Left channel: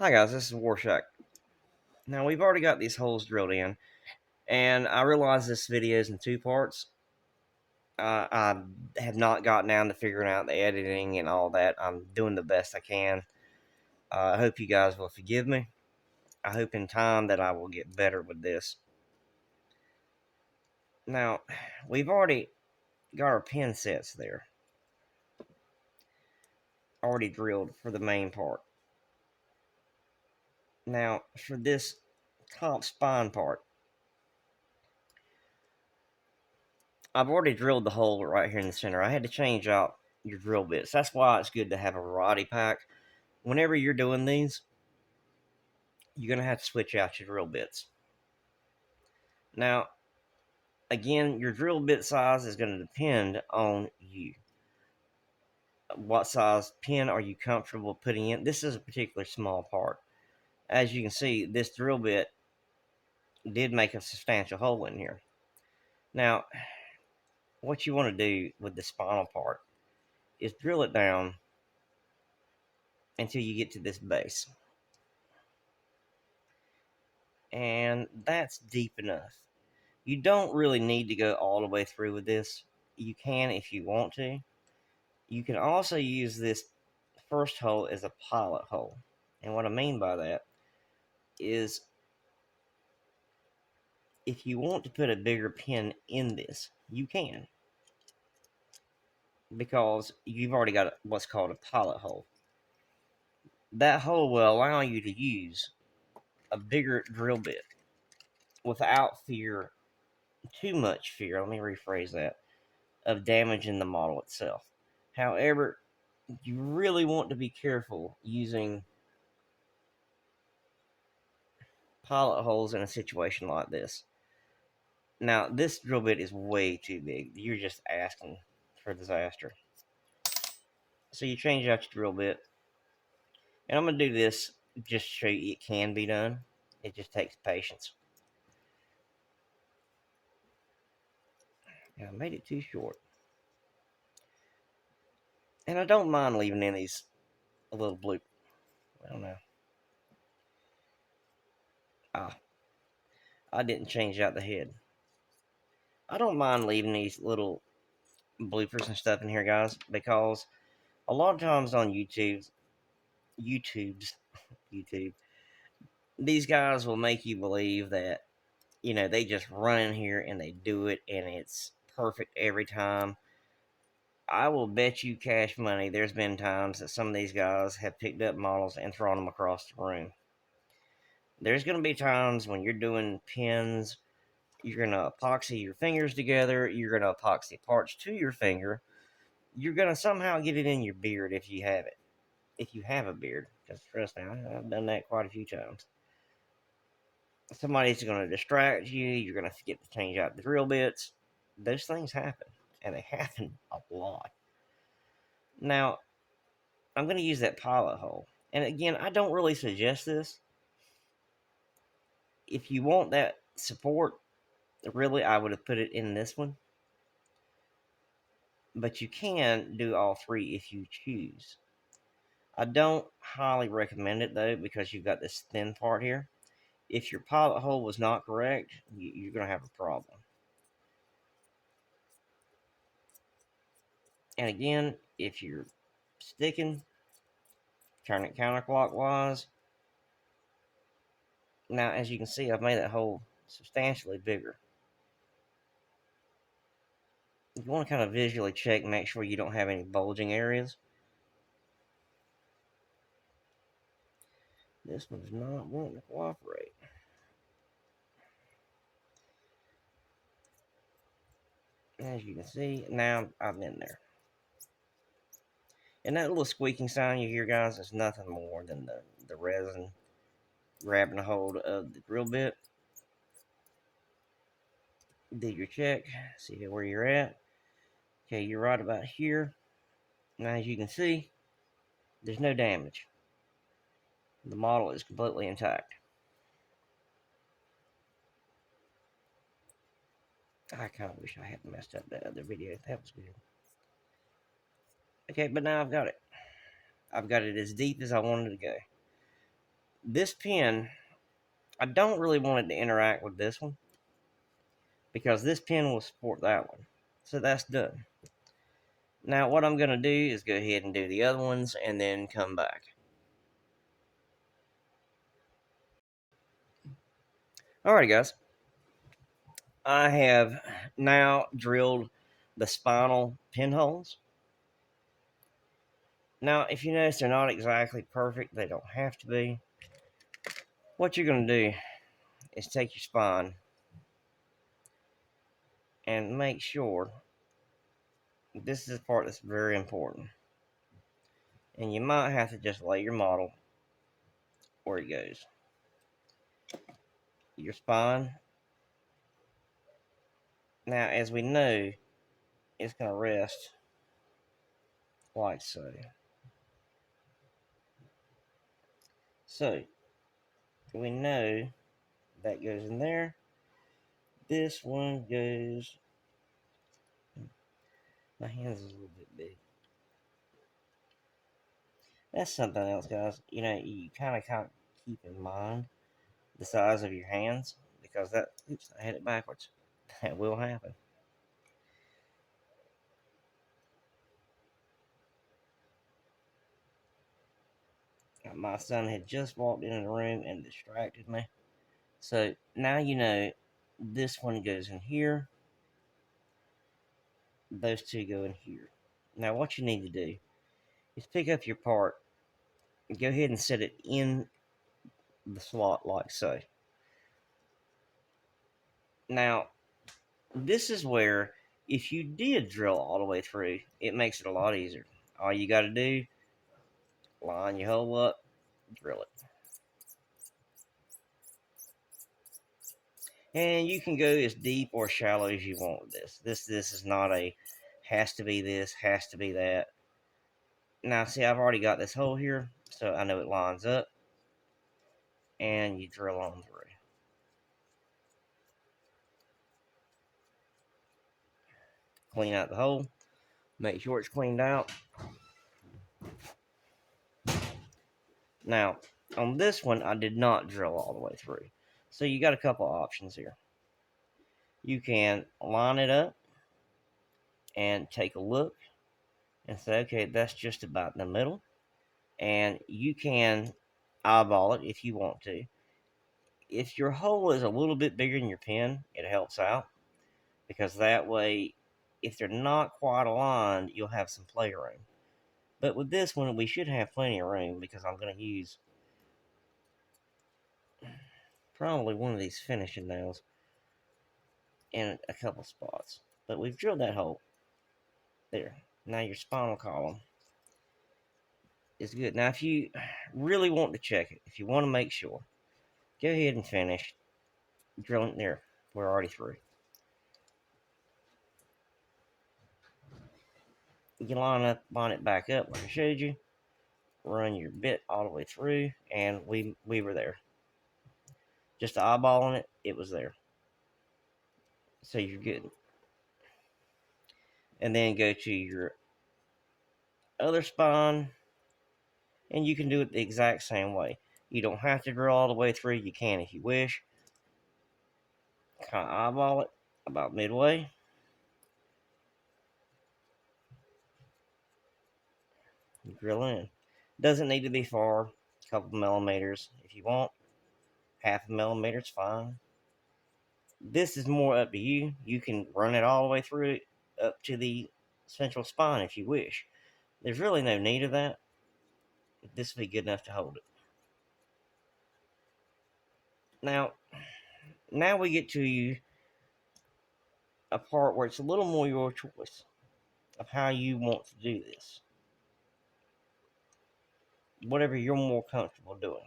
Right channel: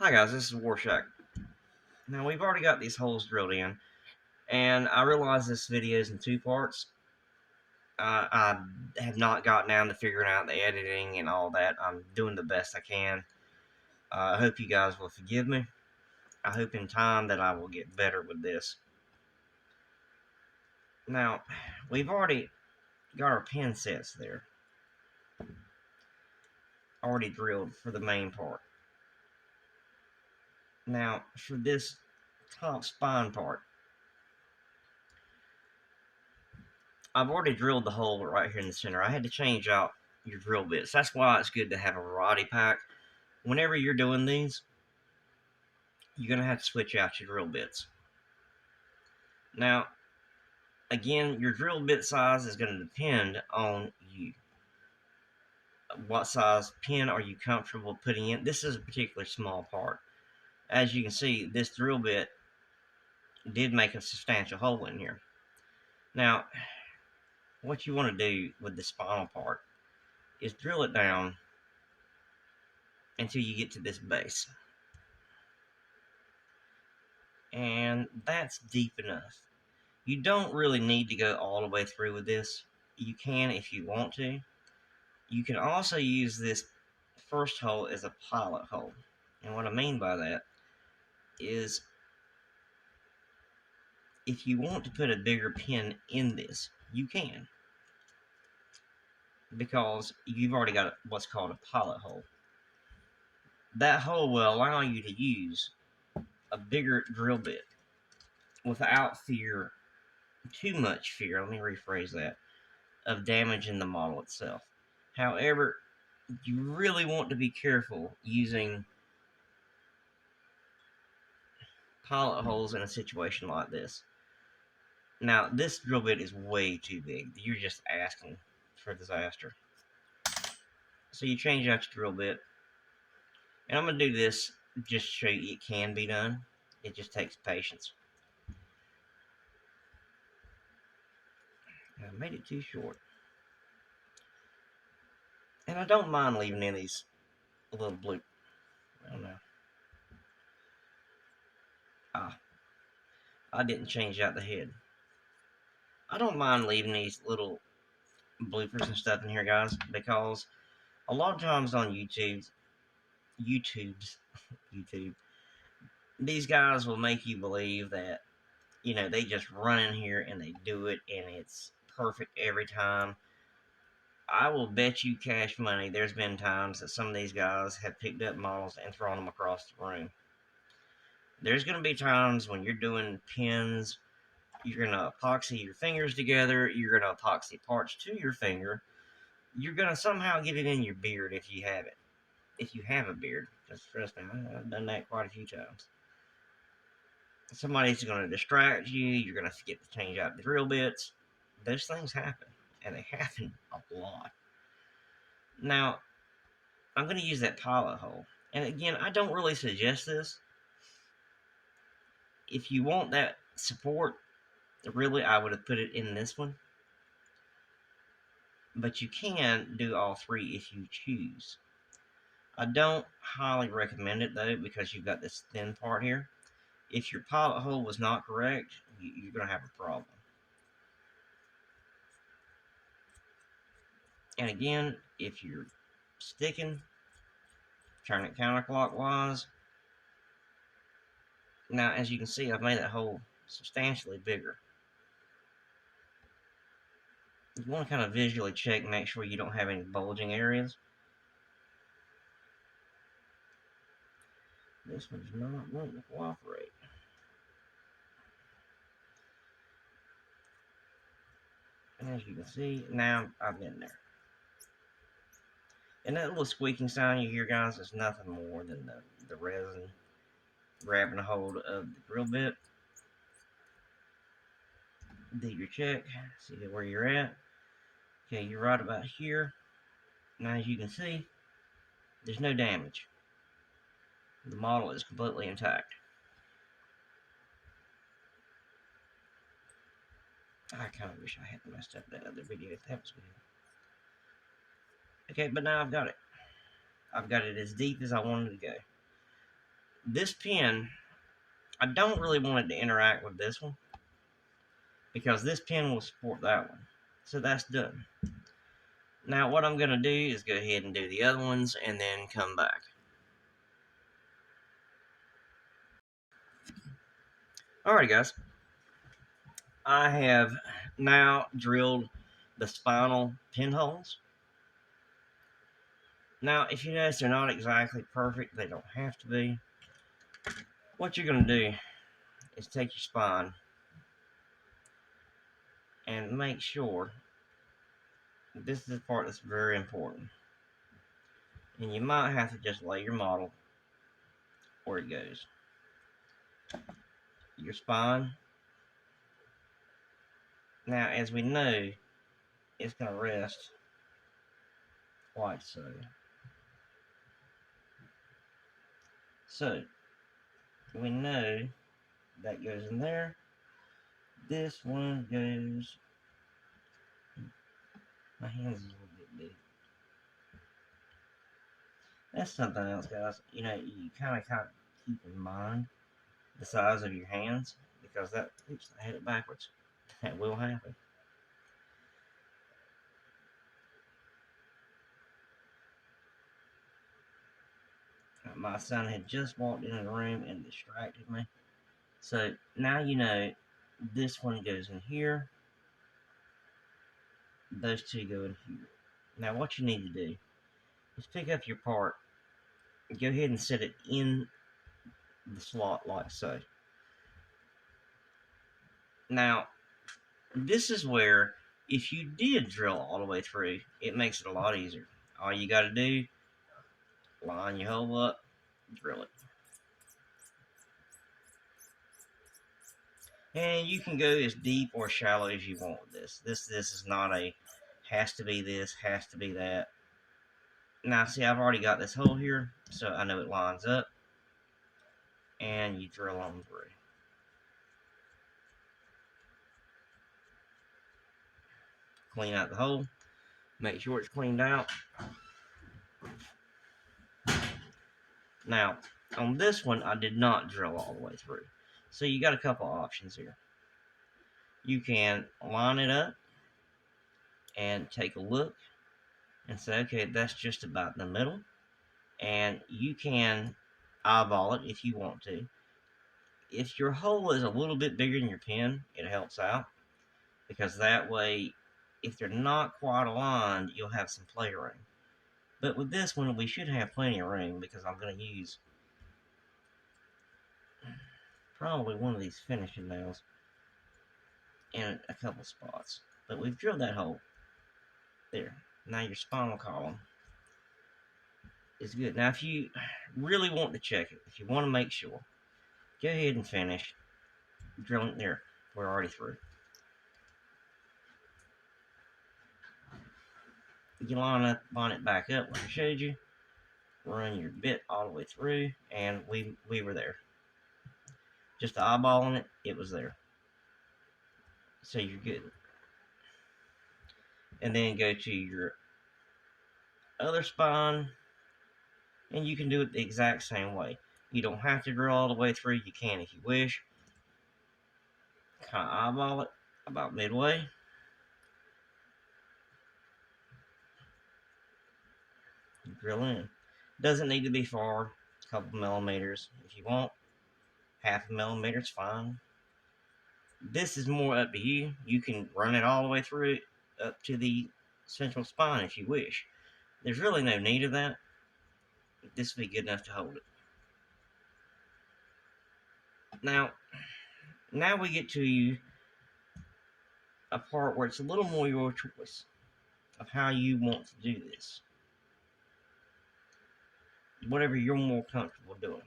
Hi guys, this is Warshack. Now we've already got these holes drilled in, and I realize this video is in two parts. I have not gotten down to figuring out the editing and all that. I'm doing the best I can. I hope you guys will forgive me. I hope in time that I will get better with this. Now, we've already got our pin sets there, already drilled for the main part. Now, for this top spine part, I've already drilled the hole right here in the center. I had to change out your drill bits. That's why it's good to have a variety pack. Whenever you're doing these, you're going to have to switch out your drill bits. Now, again, your drill bit size is going to depend on you. What size pin are you comfortable putting in? This is a particularly small part. As you can see, this drill bit did make a substantial hole in here. Now, what you want to do with the spinal part is drill it down until you get to this base. And that's deep enough. You don't really need to go all the way through with this. You can if you want to. You can also use this first hole as a pilot hole. And what I mean by that is if you want to put a bigger pin in this, you can. Because you've already got what's called a pilot hole. That hole will allow you to use a bigger drill bit without too much fear, let me rephrase that, of damaging the model itself. However, you really want to be careful using pilot holes in a situation like this. Now, this drill bit is way too big. You're just asking for disaster. So you change out your drill bit. And I'm going to do this just to show you it can be done. It just takes patience. I made it too short. And I don't mind leaving in these a little bloop. I don't know. I didn't change out the head. I don't mind leaving these little bloopers and stuff in here, guys, because a lot of times on YouTube's, YouTube, these guys will make you believe that, they just run in here and they do it and it's perfect every time. I will bet you cash money there's been times that some of these guys have picked up models and thrown them across the room. There's going to be times when you're doing pins, you're going to epoxy your fingers together, you're going to epoxy parts to your finger, you're going to somehow get it in your beard if you have it. If you have a beard, because trust me, I've done that quite a few times. Somebody's going to distract you, you're going to forget to change out the drill bits. Those things happen, and they happen a lot. Now, I'm going to use that pilot hole. And again, I don't really suggest this. If you want that support, really, I would have put it in this one. But you can do all three if you choose. I don't highly recommend it, though, because you've got this thin part here. If your pilot hole was not correct, you're going to have a problem. And again, if you're sticking, turn it counterclockwise. Now, as you can see, I've made that hole substantially bigger. You want to kind of visually check and make sure you don't have any bulging areas. This one's not wanting to cooperate. As you can see, now I'm in there. And that little squeaking sound you hear, guys, is nothing more than the resin grabbing a hold of the drill bit. Do your check, see where you're at. Okay, you're right about here. Now, as you can see, there's no damage. The model is completely intact. I kind of wish I hadn't messed up that other video. That was good. Okay, but now I've got it. I've got it as deep as I wanted to go. This pin, I don't really want it to interact with this one because this pin will support that one. So that's done. Now what I'm going to do is go ahead and do the other ones and then come back. Alright guys, I have now drilled the spinal pinholes. Now if you notice they're not exactly perfect, they don't have to be. What you're going to do is take your spine and make sure, this is the part that's very important, and you might have to just lay your model where it goes. Your spine. Now, as we know, it's going to rest like so. So, we know that goes in there. This one goes. My hand's a little bit big. That's something else, guys. You know, you kind of keep in mind the size of your hands, because that, oops, I had it backwards. That will happen. My son had just walked into the room and distracted me. So now you know this one goes in here. Those two go in here. Now what you need to do is pick up your part and go ahead and set it in the slot like so. Now this is where, if you did drill all the way through, it makes it a lot easier. All you got to do, line your hole up, drill it. And you can go as deep or shallow as you want with this. This is not a has to be this, has to be that. Now see, I've already got this hole here, so I know it lines up. And you drill on through. Clean out the hole. Make sure it's cleaned out. Now, on this one, I did not drill all the way through. So you got a couple options here. You can line it up and take a look and say, okay, that's just about in the middle. And you can eyeball it if you want to. If your hole is a little bit bigger than your pin, it helps out, because that way, if they're not quite aligned, you'll have some play room. But with this one, we should have plenty of room, because I'm going to use probably one of these finishing nails in a couple spots. But we've drilled that hole. There. Now your spinal column is good. Now if you really want to check it, if you want to make sure, go ahead and finish drilling there. We're already through. You can line it back up like I showed you. Run your bit all the way through, and we were there. Just eyeballing it, it was there. So you're good. And then go to your other spine, and you can do it the exact same way. You don't have to drill all the way through. You can if you wish. Kind of eyeball it about midway. Drill in. Doesn't need to be far. A couple millimeters. If you want, half a millimeter is fine. This is more up to you. You can run it all the way through it up to the central spine if you wish. There's really no need of that. This will be good enough to hold it. Now we get to a part where it's a little more your choice of how you want to do this. Whatever you're more comfortable doing.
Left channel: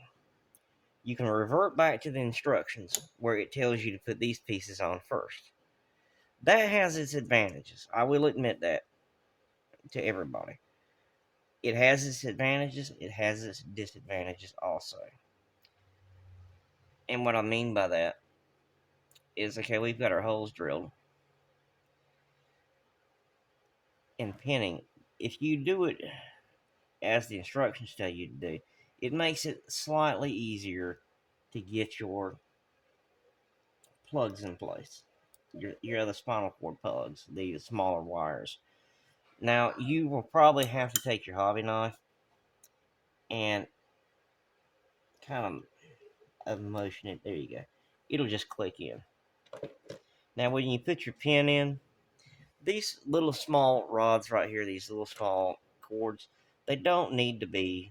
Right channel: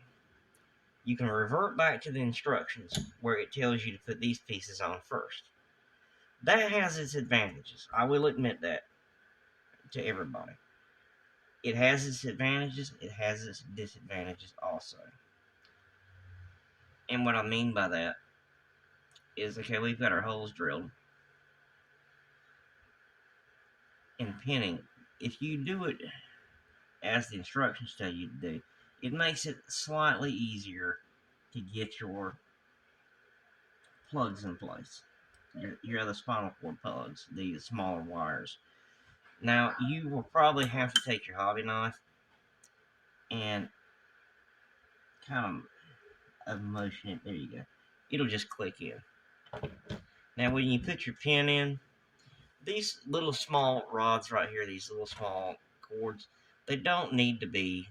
You can revert back to the instructions where it tells you to put these pieces on first. That has its advantages. I will admit that to everybody. It has its advantages, it has its disadvantages also. And what I mean by that is, okay, we've got our holes drilled. In pinning, if you do it as the instructions tell you to do, it makes it slightly easier to get your plugs in place. Your other spinal cord plugs, the smaller wires. Now you will probably have to take your hobby knife and kind of motion it. There you go. It'll just click in. Now when you put your pin in, these little small rods right here, these little small cords, they don't need to be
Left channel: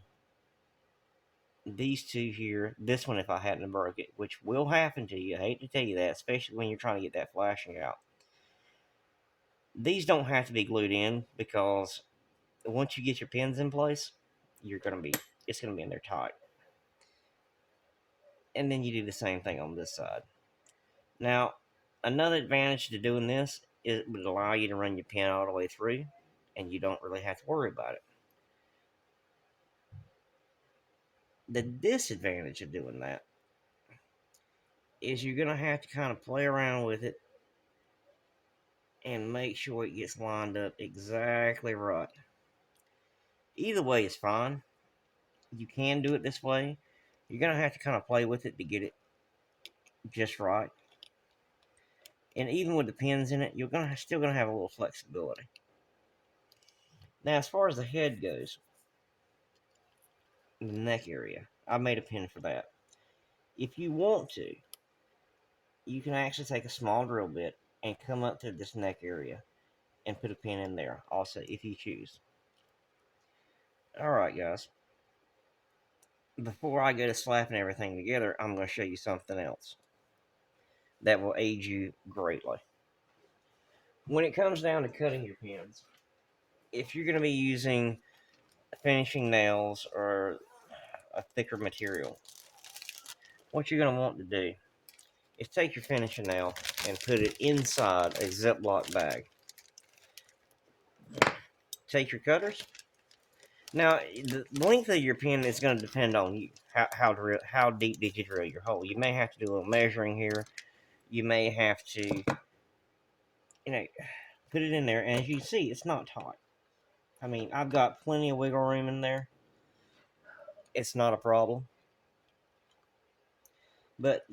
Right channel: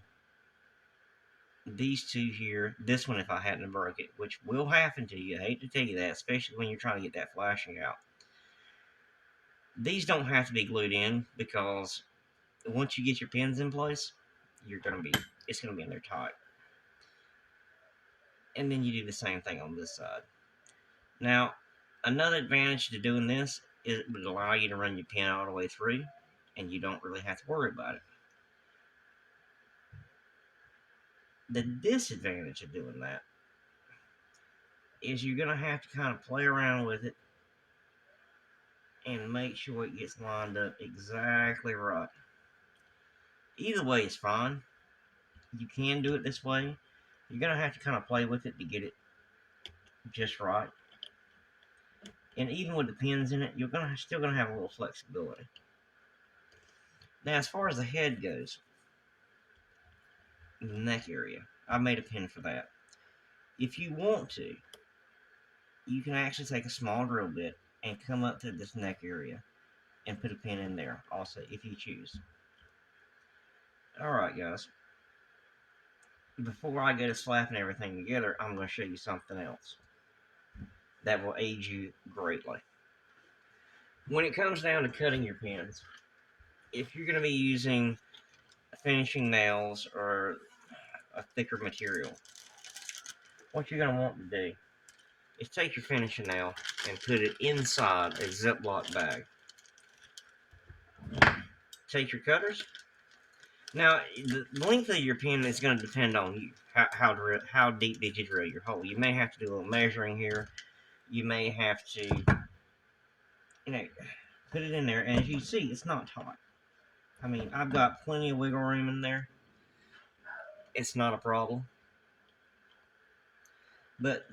these two here. This one, if I hadn't broke it, which will happen to you. I hate to tell you that, especially when you're trying to get that flashing out. These don't have to be glued in because once you get your pins in place, it's gonna be in there tight. And then you do the same thing on this side. Now, another advantage to doing this is it would allow you to run your pin all the way through, and you don't really have to worry about it. The disadvantage of doing that is you're gonna have to kind of play around with it and make sure it gets lined up exactly right. Either way is fine. You can do it this way. You're gonna have to kind of play with it to get it just right. And even with the pins in it, you're still gonna have a little flexibility. Now, as far as the head goes, the neck area, I made a pin for that. If you want to, you can actually take a small drill bit and come up to this neck area and put a pin in there also, if you choose. Alright guys, before I go to slapping everything together, I'm going to show you something else that will aid you greatly. When it comes down to cutting your pins, if you're going to be using finishing nails or a thicker material, what you're going to want to do is take your finishing nail and put it inside a Ziploc bag. Take your cutters. Now, the length of your pin is going to depend on you. How deep did you drill your hole? You may have to do a little measuring here. You may have to, put it in there. And as you see, it's not tight. I mean, I've got plenty of wiggle room in there. It's not a problem. But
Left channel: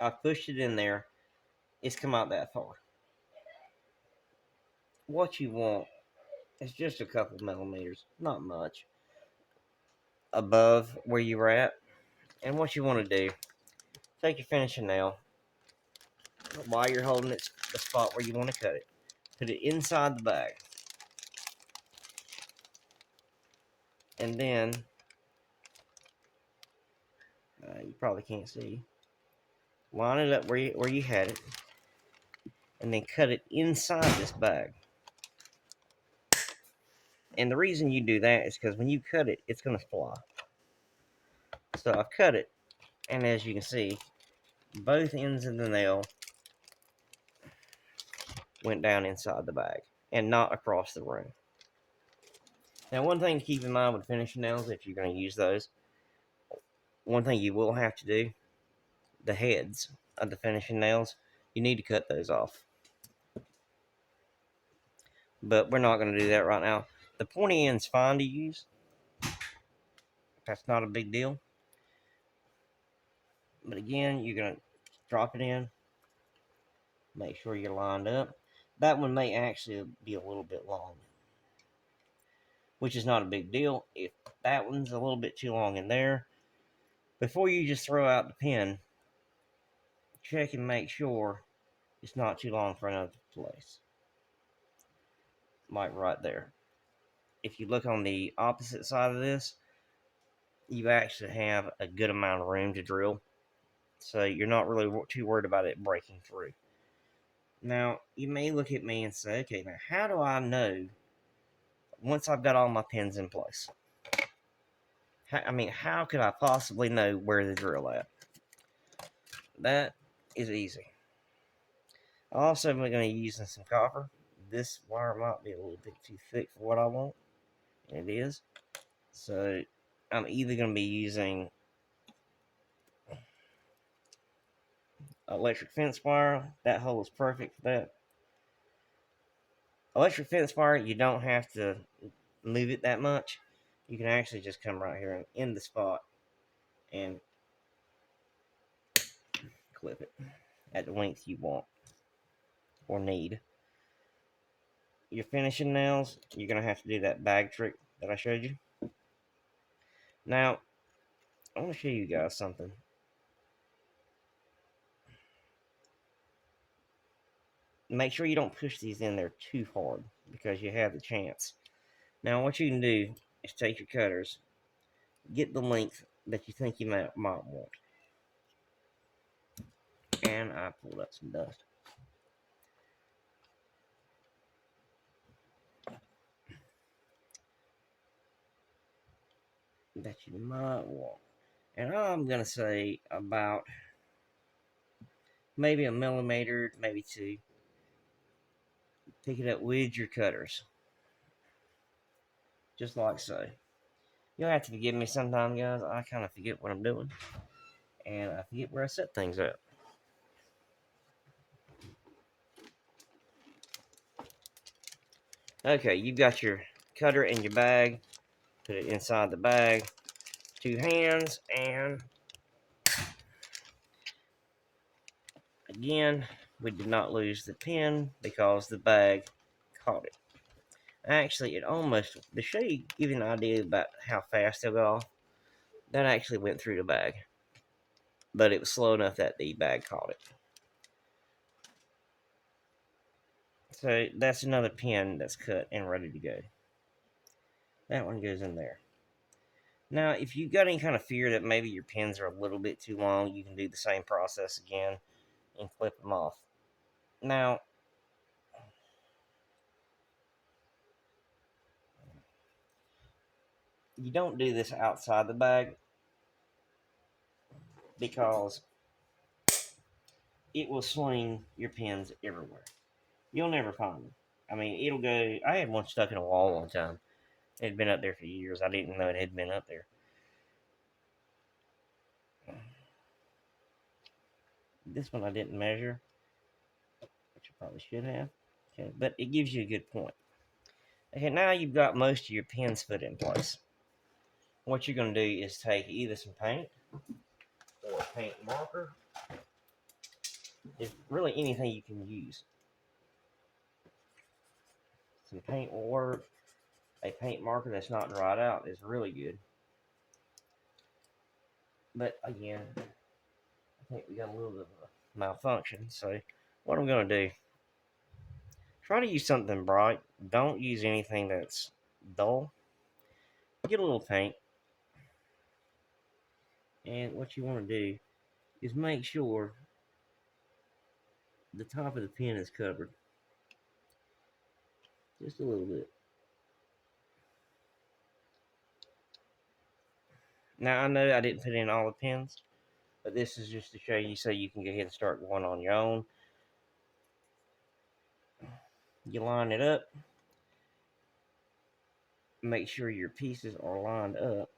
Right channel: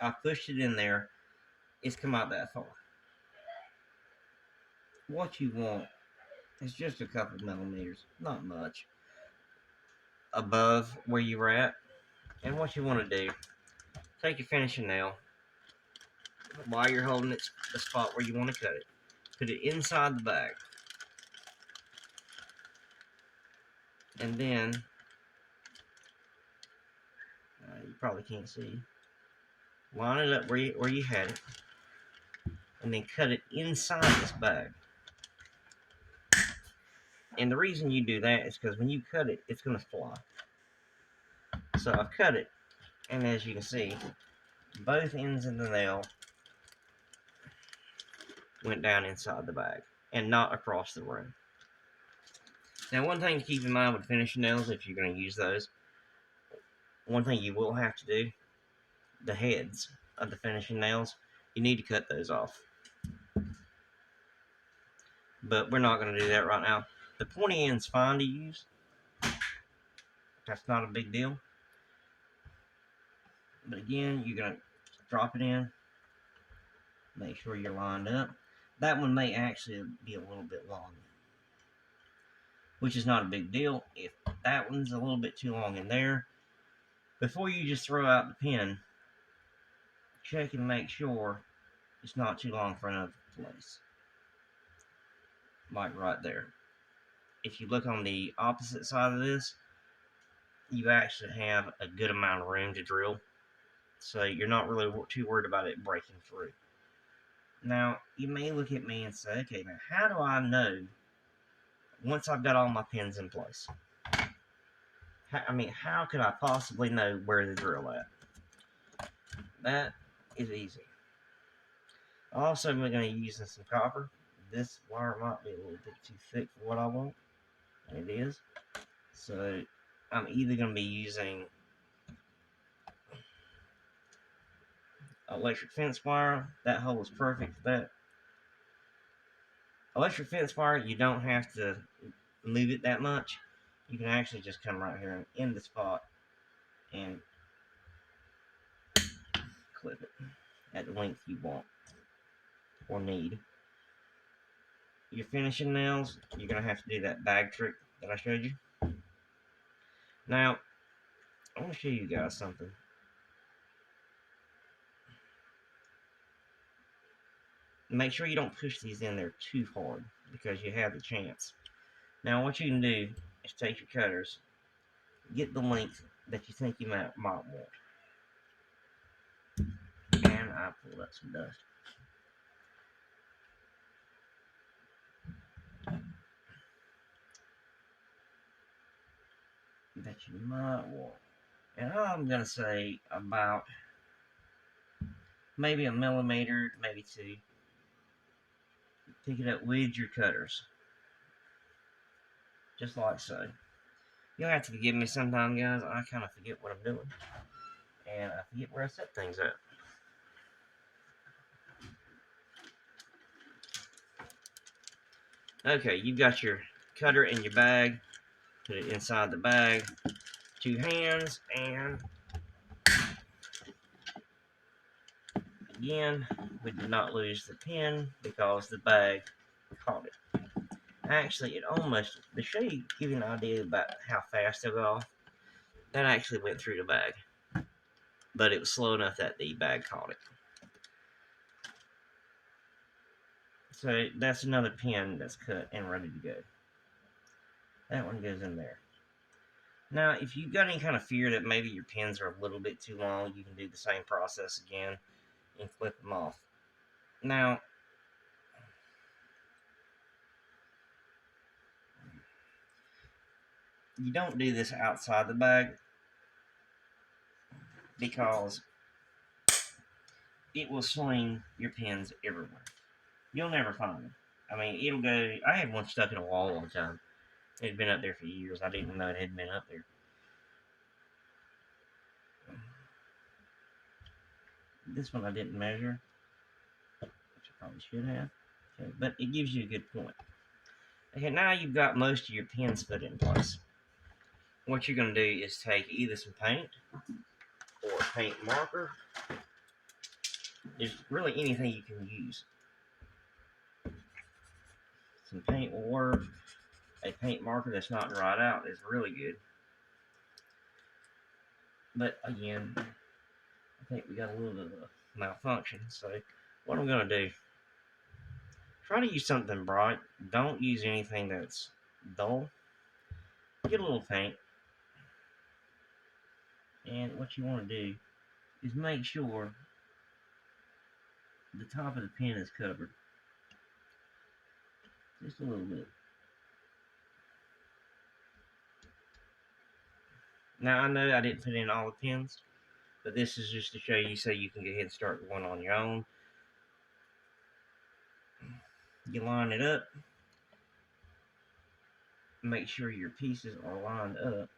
I pushed it in there. It's come out that far. What you want is just a couple millimeters, not much, above where you were at. And what you want to do, take your finishing nail, while you're holding it, the spot where you want to cut it, put it inside the bag. And then, you probably can't see, line it up where you had it, and then cut it inside this bag. And the reason you do that is because when you cut it, it's going to fly. So I've cut it, and as you can see, both ends of the nail went down inside the bag and not across the room. Now, one thing to keep in mind with finishing nails, if you're going to use those, one thing you will have to do, the heads of the finishing nails, you need to cut those off. But we're not going to do that right now. The pointy end's fine to use. That's not a big deal. But again, you're going to drop it in. Make sure you're lined up. That one may actually be a little bit long, which is not a big deal. If that one's a little bit too long in there, before you just throw out the pin, check and make sure it's not too long for another place. Like right there. If you look on the opposite side of this, you actually have a good amount of room to drill. So you're not really too worried about it breaking through. Now, you may look at me and say, okay, now how do I know once I've got all my pins in place? How could I possibly know where to drill at? That is easy. Also, I'm going to be using some copper. This wire might be a little bit too thick for what I want. It is. So, I'm either going to be using electric fence wire. That hole is perfect for that. Electric fence wire, you don't have to move it that much. you can actually just come right here and in the spot and clip it at the length you want or need. Your finishing nails, you're going to have to do that bag trick that I showed you. Now, I want to show you guys something. Make sure you don't push these in there too hard because you have the chance. Now, what you can do is take your cutters, get the length that you think you might want. And I pulled up some dust. That you might want. And I'm going to say about maybe a millimeter, maybe two. Pick it up with your cutters. Just like so. You'll have to forgive me sometime, guys. I kind of forget what I'm doing. And I forget where I set things up. Okay, you've got your cutter in your bag. Put it inside the bag. 2 hands, and again, we did not lose the pin because the bag caught it. Actually, it almost, to show you, give you an idea about how fast they'll go off, that actually went through the bag. But it was slow enough that the bag caught it. So that's another pin that's cut and ready to go. That one goes in there. Now, if you've got any kind of fear that maybe your pins are a little bit too long, you can do the same process again and clip them off. Now, you don't do this outside the bag because it will swing your pins everywhere. You'll never find them. I mean, it'll go. I had one stuck in a wall one time. It had been up there for years. I didn't know it had been up there. This one I didn't measure, which I probably should have. Okay, but it gives you a good point. Okay, now you've got most of your pins put in place. What you're going to do is take either some paint or a paint marker. There's really anything you can use. Some paint will work. A paint marker that's not dried out is really good. But again, I think we got a little bit of a malfunction. So what I'm going to do, try to use something bright. Don't use anything that's dull. Get a little paint. And what you want to do is make sure the top of the pin is covered. Just a little bit. Now, I know I didn't put in all the pins, but this is just to show you so you can go ahead and start one on your own. You line it up. Make sure your pieces are lined up.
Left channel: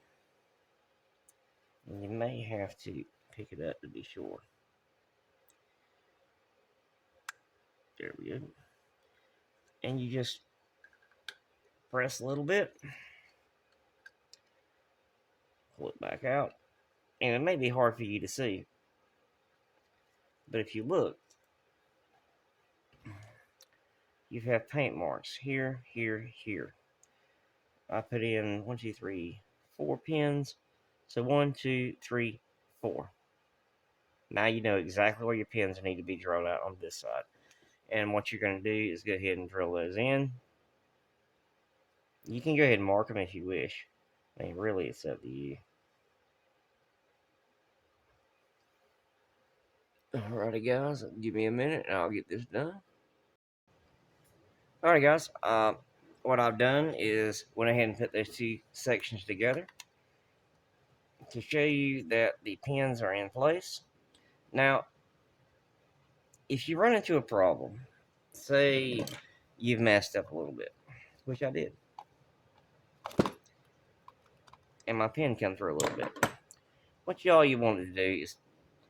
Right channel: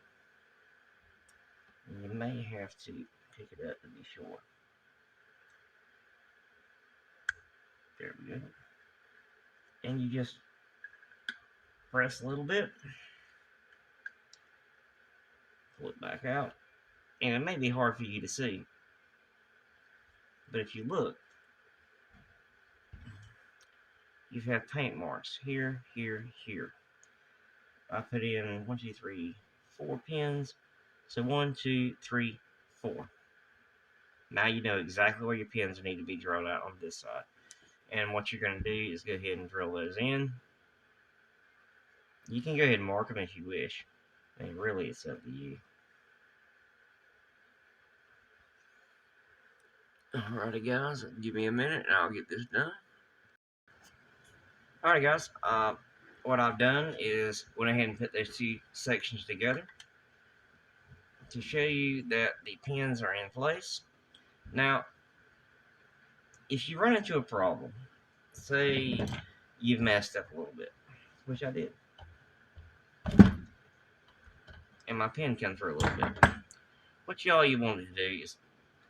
And you may have to pick it up to be sure. There we go. And you just press a little bit. Pull it back out. And it may be hard for you to see. But if you look, you have paint marks here, here, here. I put in 1, 2, 3, 4 pins. So 1, 2, 3, 4. Now you know exactly where your pins need to be drilled out on this side. And what you're going to do is go ahead and drill those in. You can go ahead and mark them if you wish. And really, it's up to you. Alrighty, guys. Give me a minute and I'll get this done. Alright, guys. What I've done is went ahead and put those 2 sections together to show you that the pins are in place. Now, if you run into a problem, say you've messed up a little bit, which I did, and my pin come through a little bit, what you want to do is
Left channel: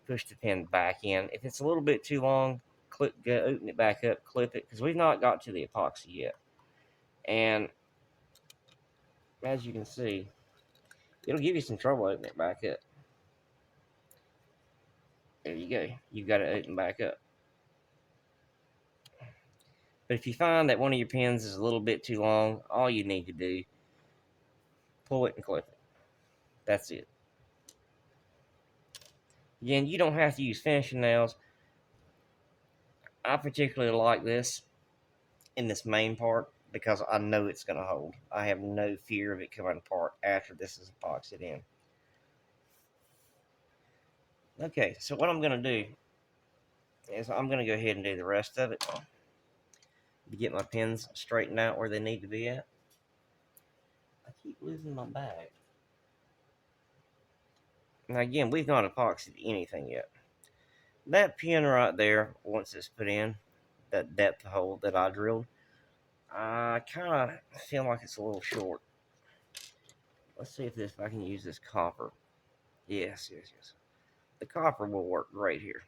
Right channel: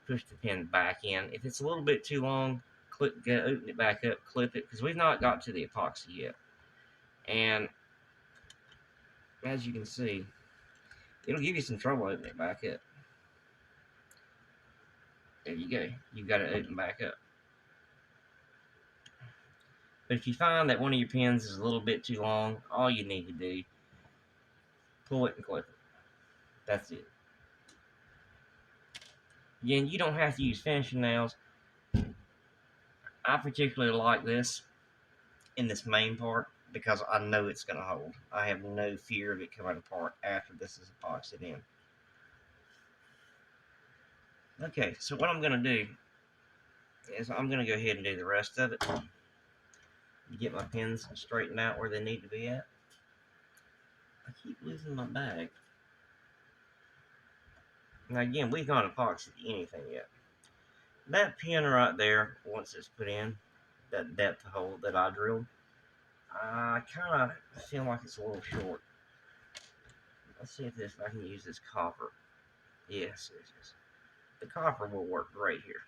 push the pin back in. If it's a little bit too long, open it back up, clip it, because we've not got to the epoxy yet. And as you can see, it'll give you some trouble opening it back up. There you go. You've got to open back up. But if you find that one of your pins is a little bit too long, all you need to do, pull it and clip it. That's it. Again, you don't have to use finishing nails. I particularly like this in this main part because I know it's going to hold. I have no fear of it coming apart after this is epoxied in. Okay, so what I'm going to do is I'm going to go ahead and do the rest of it to get my pins straightened out where they need to be at. I keep losing my bag. Now again, we've not epoxied anything yet. That pin right there, once it's put in, that depth hole that I drilled, I kind of feel like it's a little short. Let's see if I can use this copper. Yes. The copper will work great here.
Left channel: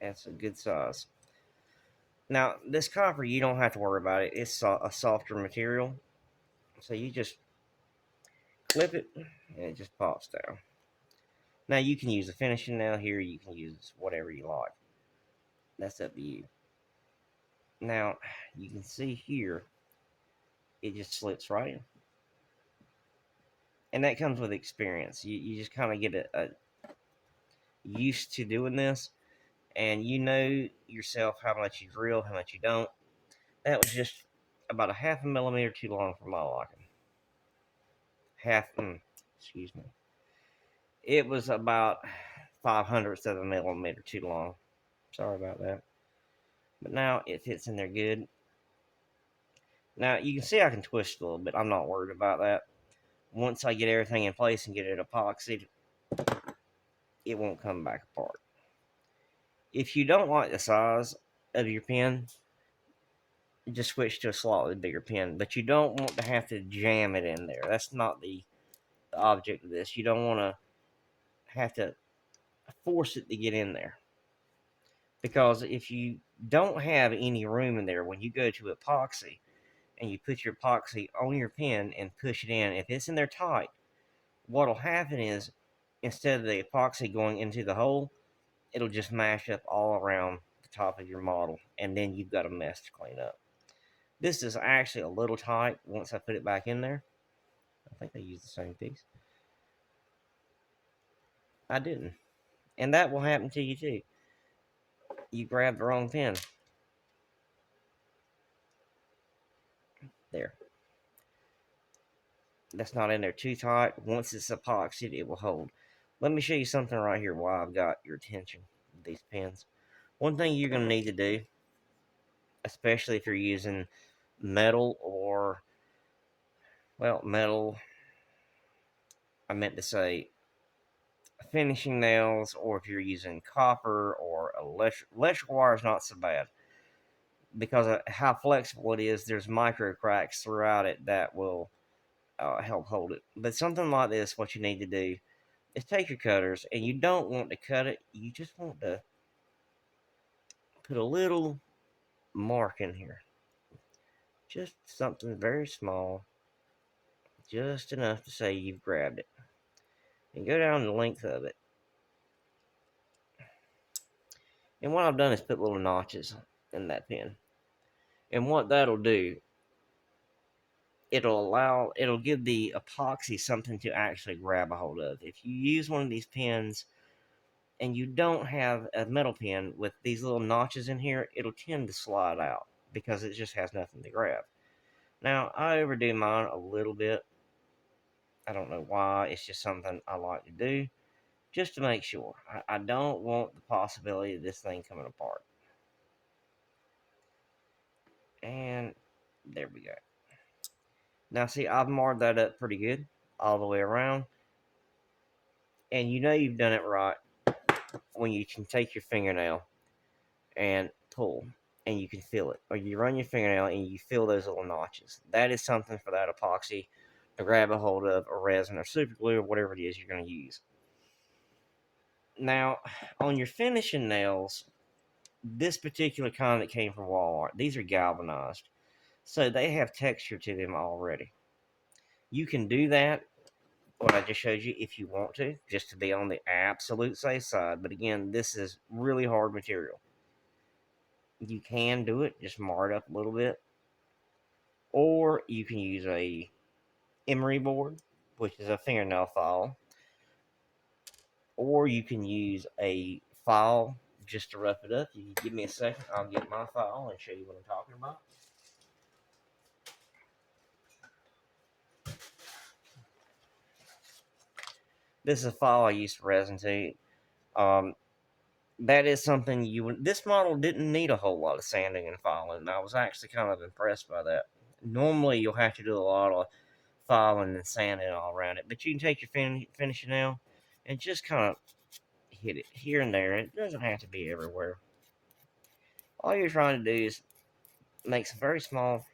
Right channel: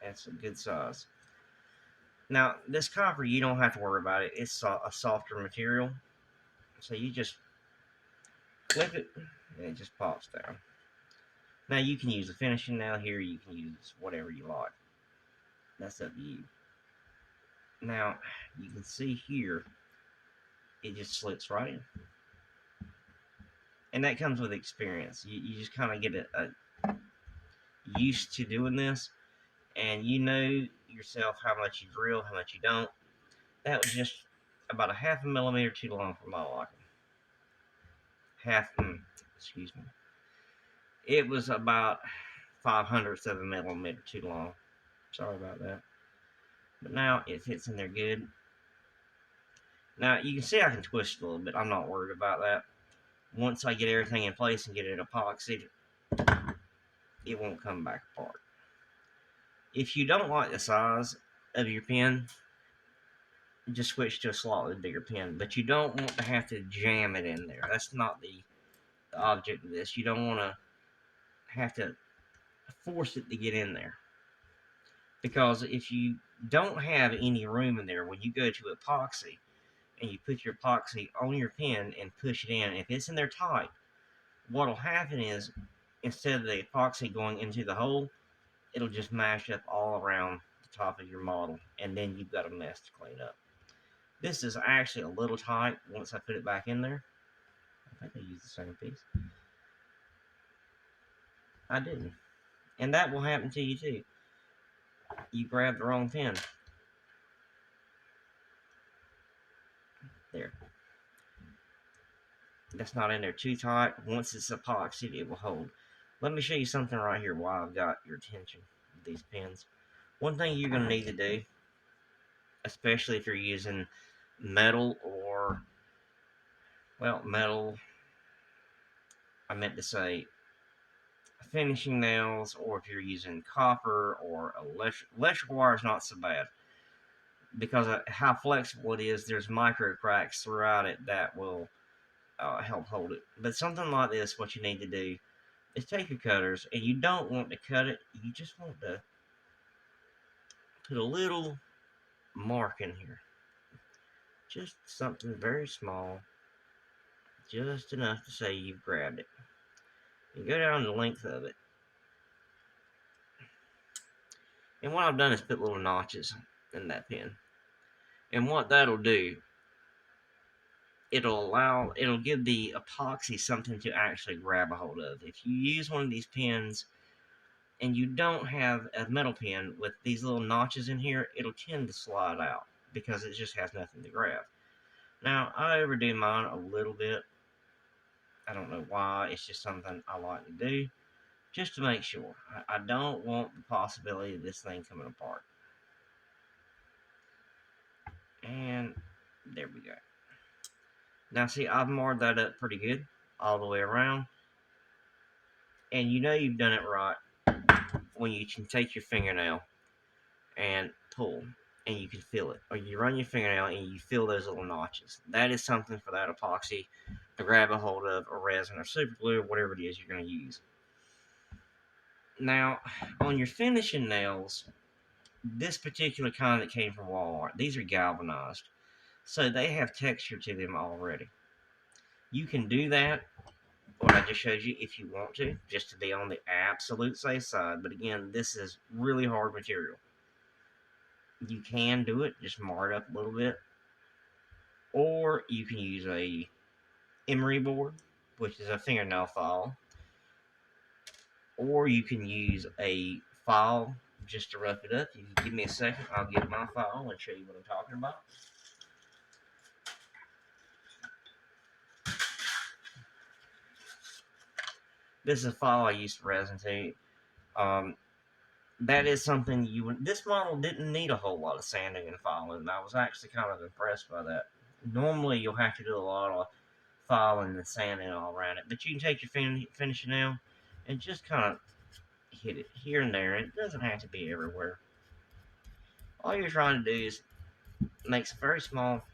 That's a good size. Now, this copper, you don't have to worry about it. It's a softer material. So you just flip it, and it just pops down. Now, you can use a finishing nail here. You can use whatever you like. That's up to you. Now, you can see here, it just slips right in. And that comes with experience. You just kind of get a used to doing this, and you know yourself how much you drill, how much you don't. That was just about a half a millimeter too long for my liking. Excuse me. It was about 5/100ths of a millimeter too long. Sorry about that. But now it fits in there good. Now you can see I can twist a little bit. I'm not worried about that. Once I get everything in place and get it epoxied, it won't come back apart. If you don't like the size of your pen, just switch to a slightly bigger pen. But you don't want to have to jam it in there. That's not the object of this. You don't want to have to force it to get in there. Because if you don't have any room in there when you go to epoxy and you put your epoxy on your pen and push it in, if it's in there tight, what'll happen is instead of the epoxy going into the hole, it'll just mash up all around the top of your model, and then you've got a mess to clean up. This is actually a little tight once I put it back in there. I think I used the same piece. I didn't. And that will happen to you too. You grabbed the wrong pen. There. That's not in there too tight. Once it's epoxied, it will hold. Let me show you something right here while I've got your attention with these pens. One thing you're going to need to do, especially if you're using metal or, well, metal, I meant to say finishing nails, or if you're using copper or electrical wire is not so bad. Because of how flexible it is, there's micro cracks throughout it that will help hold it. But something like this, what you need to do is take your cutters, and you don't want to cut it, you just want to put a little mark in here. Just something very small, just enough to say you've grabbed it. And go down the length of it. And what I've done is put little notches in that pen. And what that'll do, it'll give the epoxy something to actually grab a hold of. If you use one of these pens and you don't have a metal pen with these little notches in here, it'll tend to slide out because it just has nothing to grab. Now, I overdo mine a little bit. I don't know why. It's just something I like to do just to make sure. I don't want the possibility of this thing coming apart. And there we go. Now, see, I've marred that up pretty good all the way around. And you know you've done it right when you can take your fingernail and pull, and you can feel it. Or you run your fingernail and you feel those little notches. That is something for that epoxy to grab a hold of, or resin, or super glue, or whatever it is you're going to use. Now, on your finishing nails, this particular kind that came from Walmart, these are galvanized. So they have texture to them already. You can do that, what I just showed you, if you want to, just to be on the absolute safe side. But again, this is really hard material. You can do it, just mar it up a little bit. Or you can use a emery board, which is a fingernail file. Or you can use a file just to rough it up. If you give me a second, I'll get my file and show you what I'm talking about. This is a file I used to resin to. That is something this model didn't need a whole lot of sanding and filing, and I was actually kind of impressed by that. Normally, you'll have to do a lot of filing and sanding all around it, but you can take your finishing nail and just kind of hit it here and there. It doesn't have to be everywhere. All you're trying to do is make some very small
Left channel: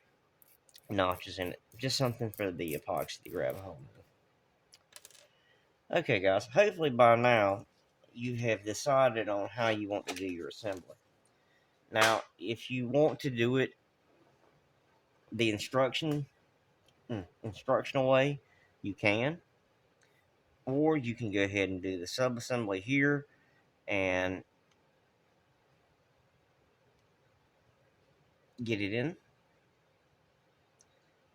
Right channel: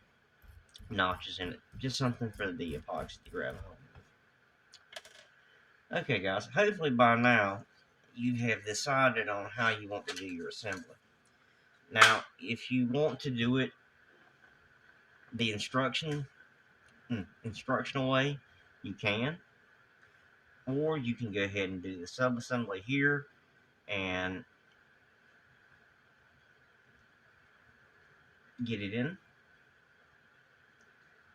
notches in it, just something for the epoxy to grab a hold of. Okay, guys, hopefully by now you have decided on how you want to do your assembly. Now, if you want to do it the instructional way, you can, or you can go ahead and do the sub-assembly here and get it in.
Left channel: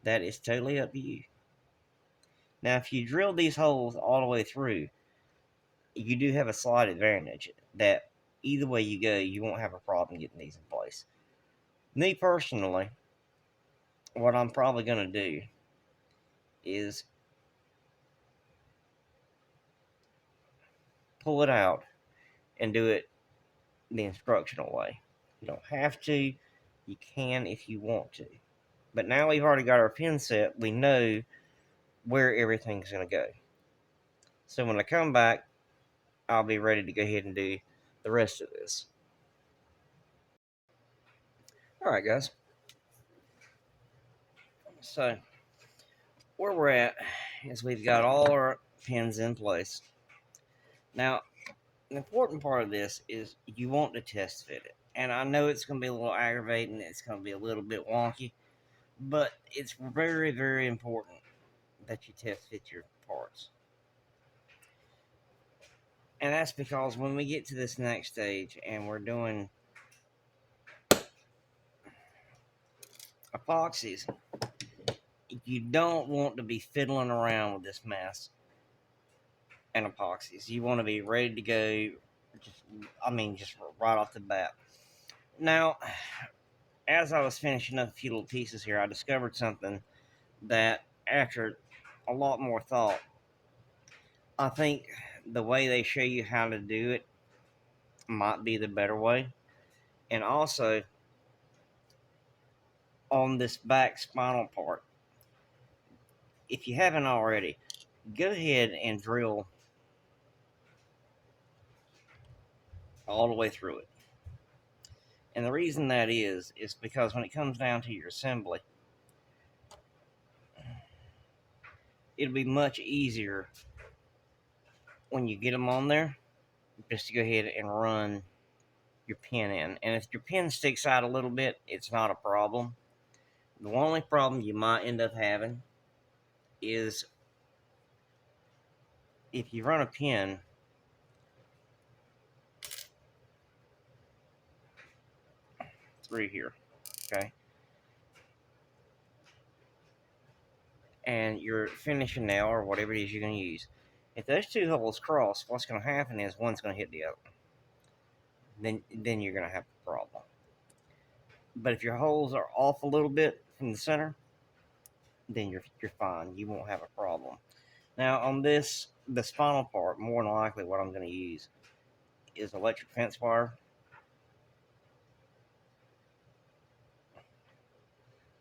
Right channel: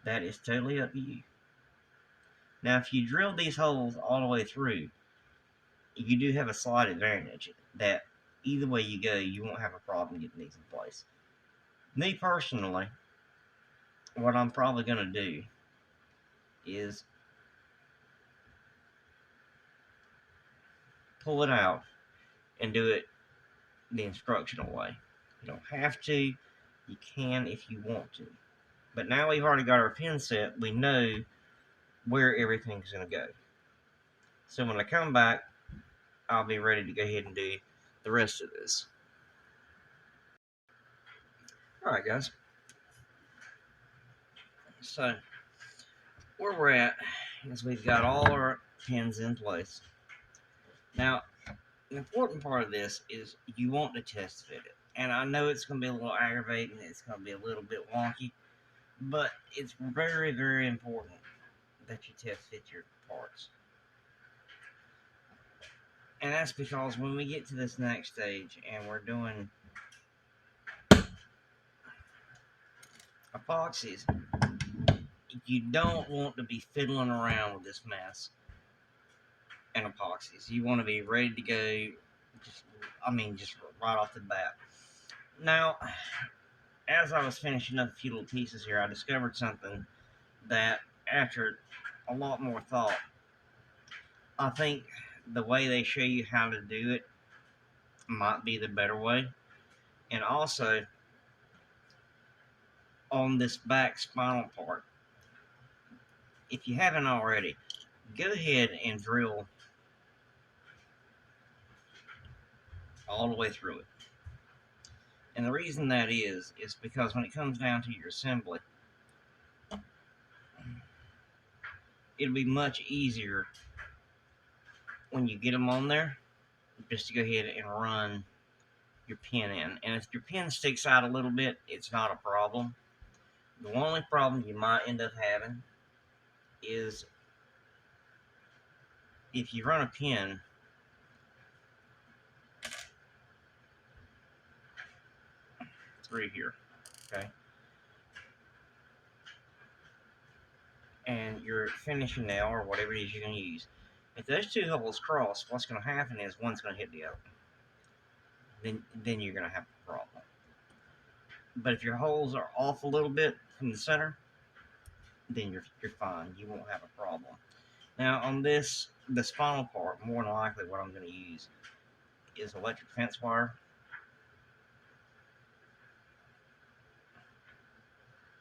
That is totally up to you. Now, if you drill these holes all the way through, you do have a slight advantage that either way you go, you won't have a problem getting these in place. Me personally, what I'm probably going to do is pull it out and do it the instructional way. You don't have to, you can if you want to. But now we've already got our pin set, we know where everything's going to go. So when I come back, I'll be ready to go ahead and do the rest of this. Alright, guys. So, where we're at is we've got all our pins in place. Now, the important part of this is you want to test fit it. And I know it's going to be a little aggravating, it's going to be a little bit wonky, but it's very, very important that you test fit your parts. And that's because when we get to this next stage and we're doing epoxies, you don't want to be fiddling around with this mess and epoxies. You want to be ready to go, just right off the bat. Now, as I was finishing up a few little pieces here, I discovered something that, after a lot more thought, I think the way they show you how to do it might be the better way. And also, on this back spinal part, if you haven't already, go ahead and drill all the way through it. And the reason that is because when it comes down to your assembly, it'll be much easier when you get them on there just to go ahead and run your pin in. And if your pin sticks out a little bit, it's not a problem. The only problem you might end up having is if you run a pin through here, okay, and your finishing nail or whatever it is you're going to use, if those two holes cross, what's going to happen is one's going to hit the other. Then you're going to have a problem. But if your holes are off a little bit from the center, then you're fine. You won't have a problem. Now on the spinal part, more than likely what I'm going to use is electric fence wire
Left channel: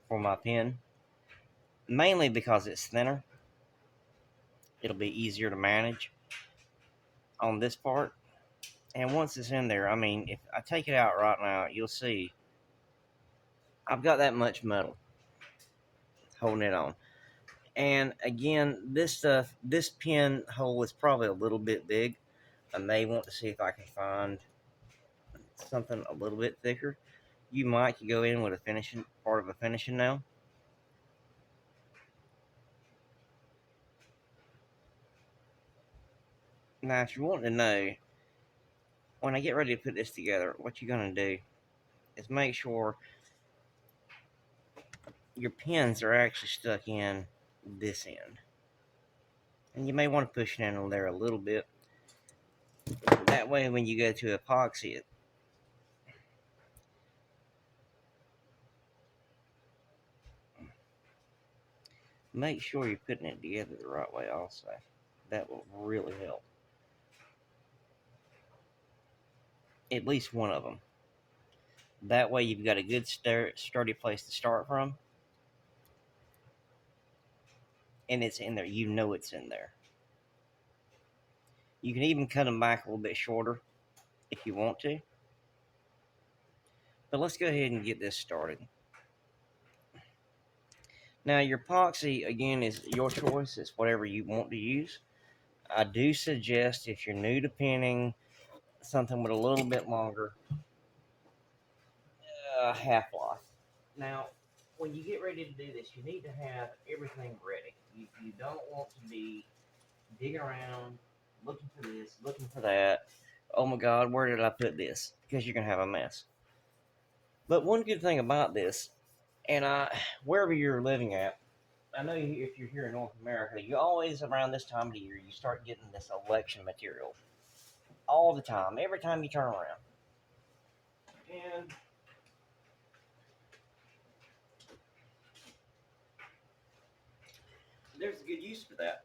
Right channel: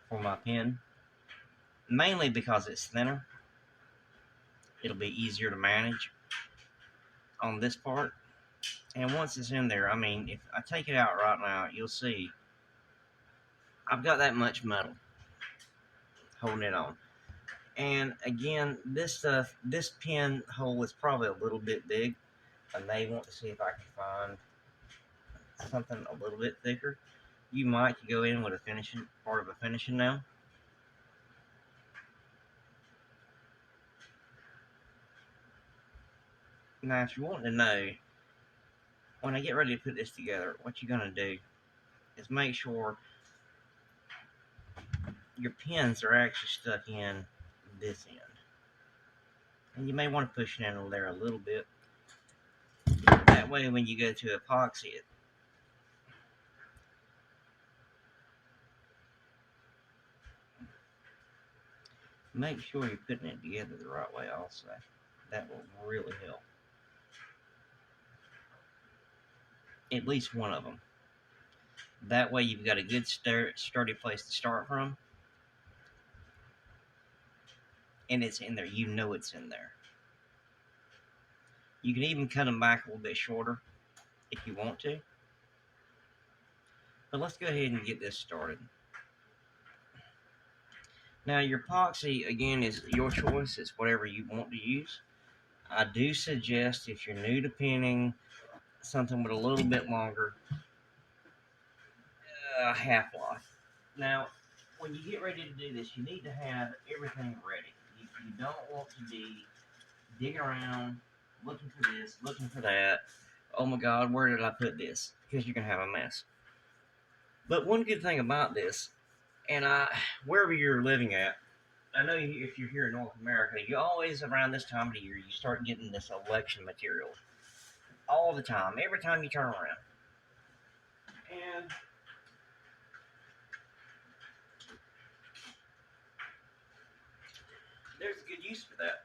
for my pin, mainly because it's thinner. It'll be easier to manage on this part. And once it's in there, if I take it out right now, you'll see I've got that much metal holding it on. And again, this pin hole is probably a little bit big. I may want to see if I can find something a little bit thicker. You might go in with a finishing nail. Now, if you want to know, when I get ready to put this together, what you're going to do is make sure your pins are actually stuck in this end. And you may want to push it in there a little bit. That way, when you go to epoxy it, make sure you're putting it together the right way also. That will really help. At least one of them. That way you've got a good sturdy place to start from. And it's in there. You know it's in there. You can even cut them back a little bit shorter if you want to. But let's go ahead and get this started. Now your epoxy, again, is your choice. It's whatever you want to use. I do suggest, if you're new to pinning, something with a little bit longer half-life. Now, when you get ready to do this, you need to have everything ready. You don't want to be digging around, looking for this, looking for that. Oh my God, where did I put this? Because you're going to have a mess. But one good thing about this, and wherever you're living at, I know if you're here in North America, you always, around this time of the year, you start getting this election material. All the time, every time you turn around. And there's a good use for that.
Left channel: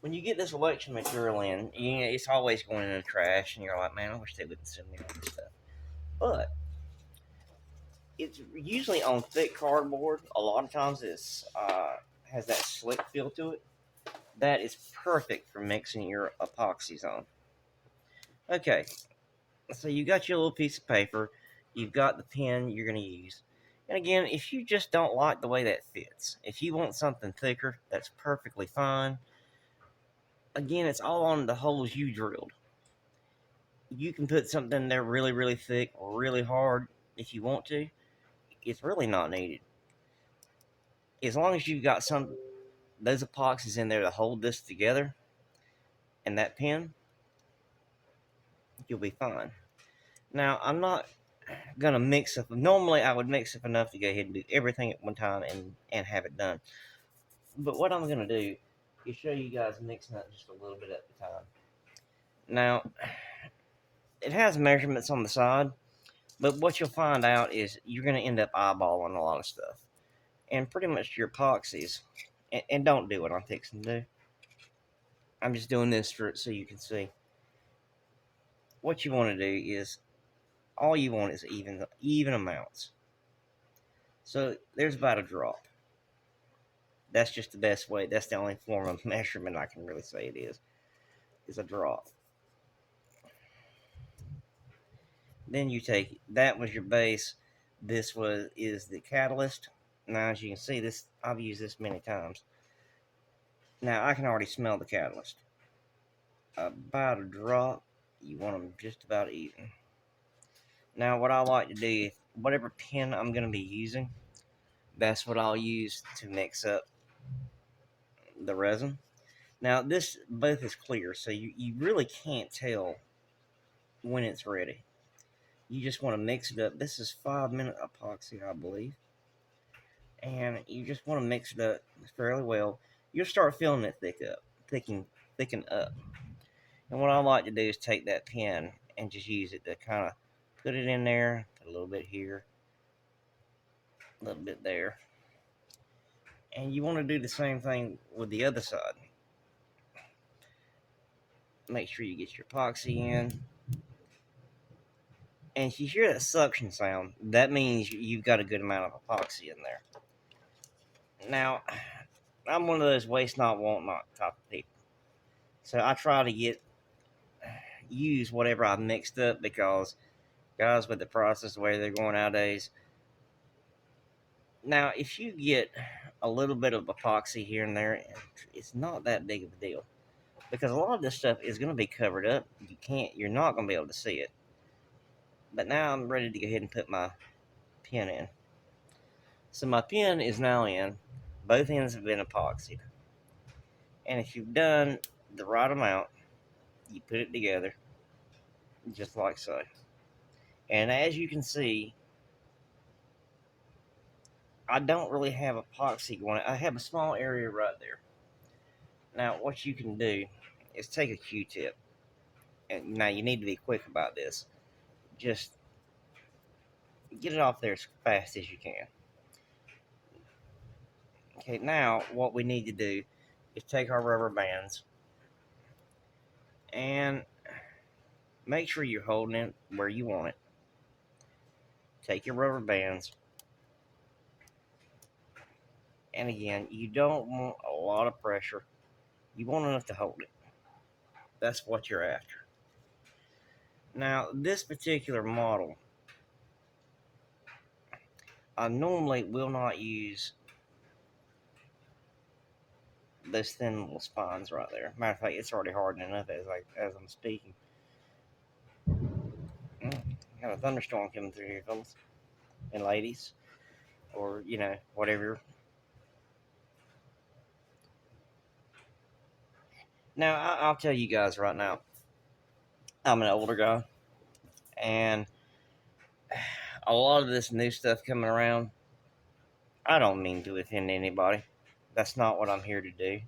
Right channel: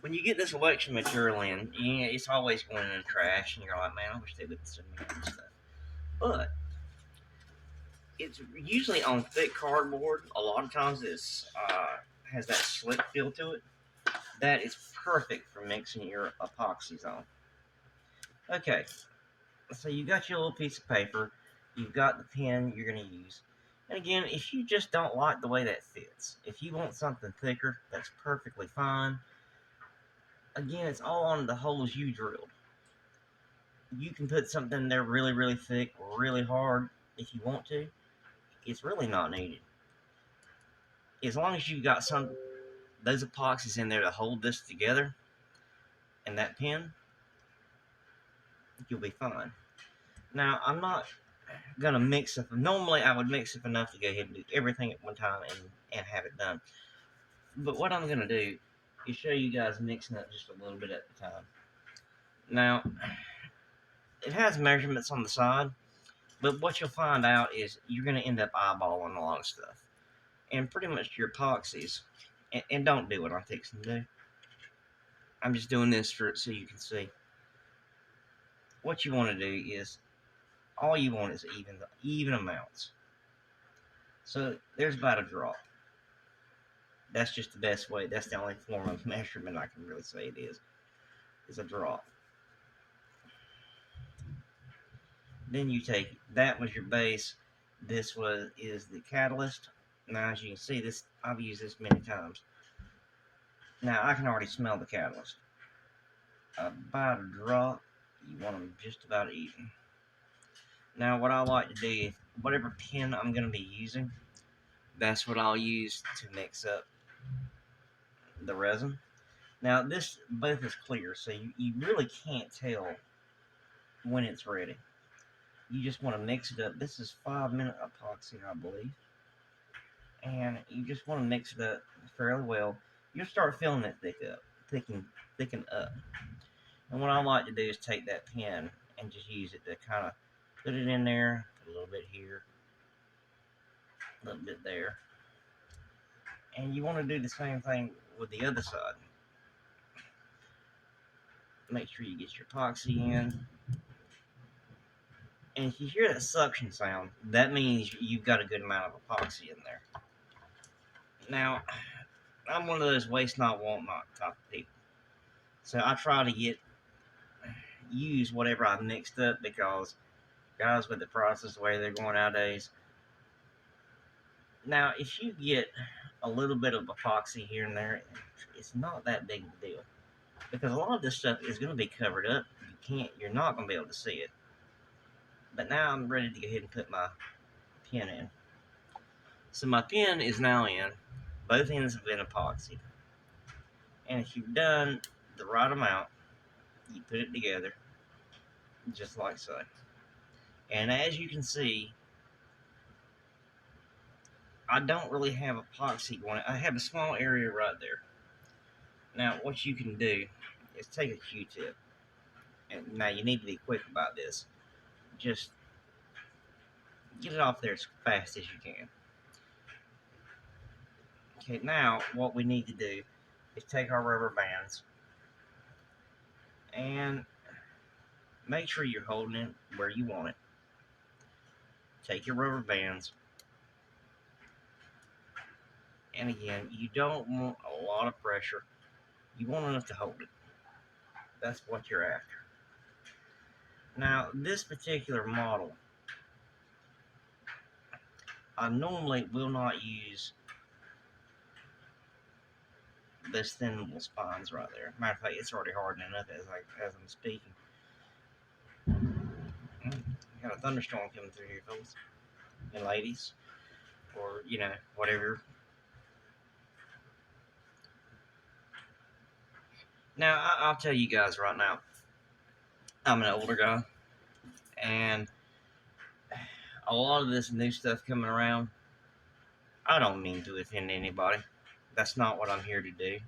When you get this election material in, it's always going in the trash, and you're like, man, I wish they wouldn't send me all this stuff. But it's usually on thick cardboard. A lot of times it's has that slick feel to it. That is perfect for mixing your epoxies on. Okay, so you got your little piece of paper. You've got the pen you're going to use. And again, if you just don't like the way that fits, if you want something thicker, that's perfectly fine. Again, it's all on the holes you drilled. You can put something there really, really thick or really hard if you want to. It's really not needed. As long as you've got those epoxies in there to hold this together and that pen, you'll be fine. Now, I'm not gonna mix up. Normally, I would mix up enough to go ahead and do everything at one time and have it done. But what I'm gonna do is show you guys mixing up just a little bit at the time. Now, it has measurements on the side, but what you'll find out is you're gonna end up eyeballing a lot of stuff, and pretty much your epoxies. And don't do what I'm fixing to do. I'm just doing this so you can see. What you want to do is, all you want is even amounts. So there's about a drop. That's just the best way. That's the only form of measurement I can really say it is a drop. Then you take, that was your base. This is the catalyst. Now, as you can see, this I've used this many times. Now I can already smell the catalyst. About a drop. You want them just about even. Now, what I like to do, whatever pen I'm going to be using, that's what I'll use to mix up the resin. Now, this both is clear, so you really can't tell when it's ready. You just want to mix it up. This is 5-minute epoxy, I believe. And you just want to mix it up fairly well. You'll start feeling it thicken up. And what I like to do is take that pen and just use it to kind of put it in there, put a little bit here, a little bit there. And you want to do the same thing with the other side. Make sure you get your epoxy in. And if you hear that suction sound, that means you've got a good amount of epoxy in there. Now, I'm one of those waste not, want not type of people. So I try to use whatever I've mixed up, because guys, with the prices the way they're going nowadays. Now, if you get a little bit of epoxy here and there, it's not that big of a deal, because a lot of this stuff is going to be covered up. You're not going to be able to see it. But now I'm ready to go ahead and put my pen in. So my pen is now in. Both ends have been epoxied. And if you've done the right amount, You put it together, just like so. And as you can see, I don't really have epoxy going. I have a small area right there. Now, what you can do is take a Q-tip, and now you need to be quick about this. Just get it off there as fast as you can. Okay, now what we need to do is take our rubber bands and make sure you're holding it where you want it. Take your rubber bands, and again, you don't want a lot of pressure. You want enough to hold it. That's what you're after. Now, this particular model, I normally will not use those thin little spines right there. Matter of fact, it's already hardening up as I'm speaking. Got a thunderstorm coming through here, fellas and ladies, or whatever. Now, I'll tell you guys right now, I'm an older guy, and a lot of this new stuff coming around, I don't mean to offend anybody. That's not what I'm here to do.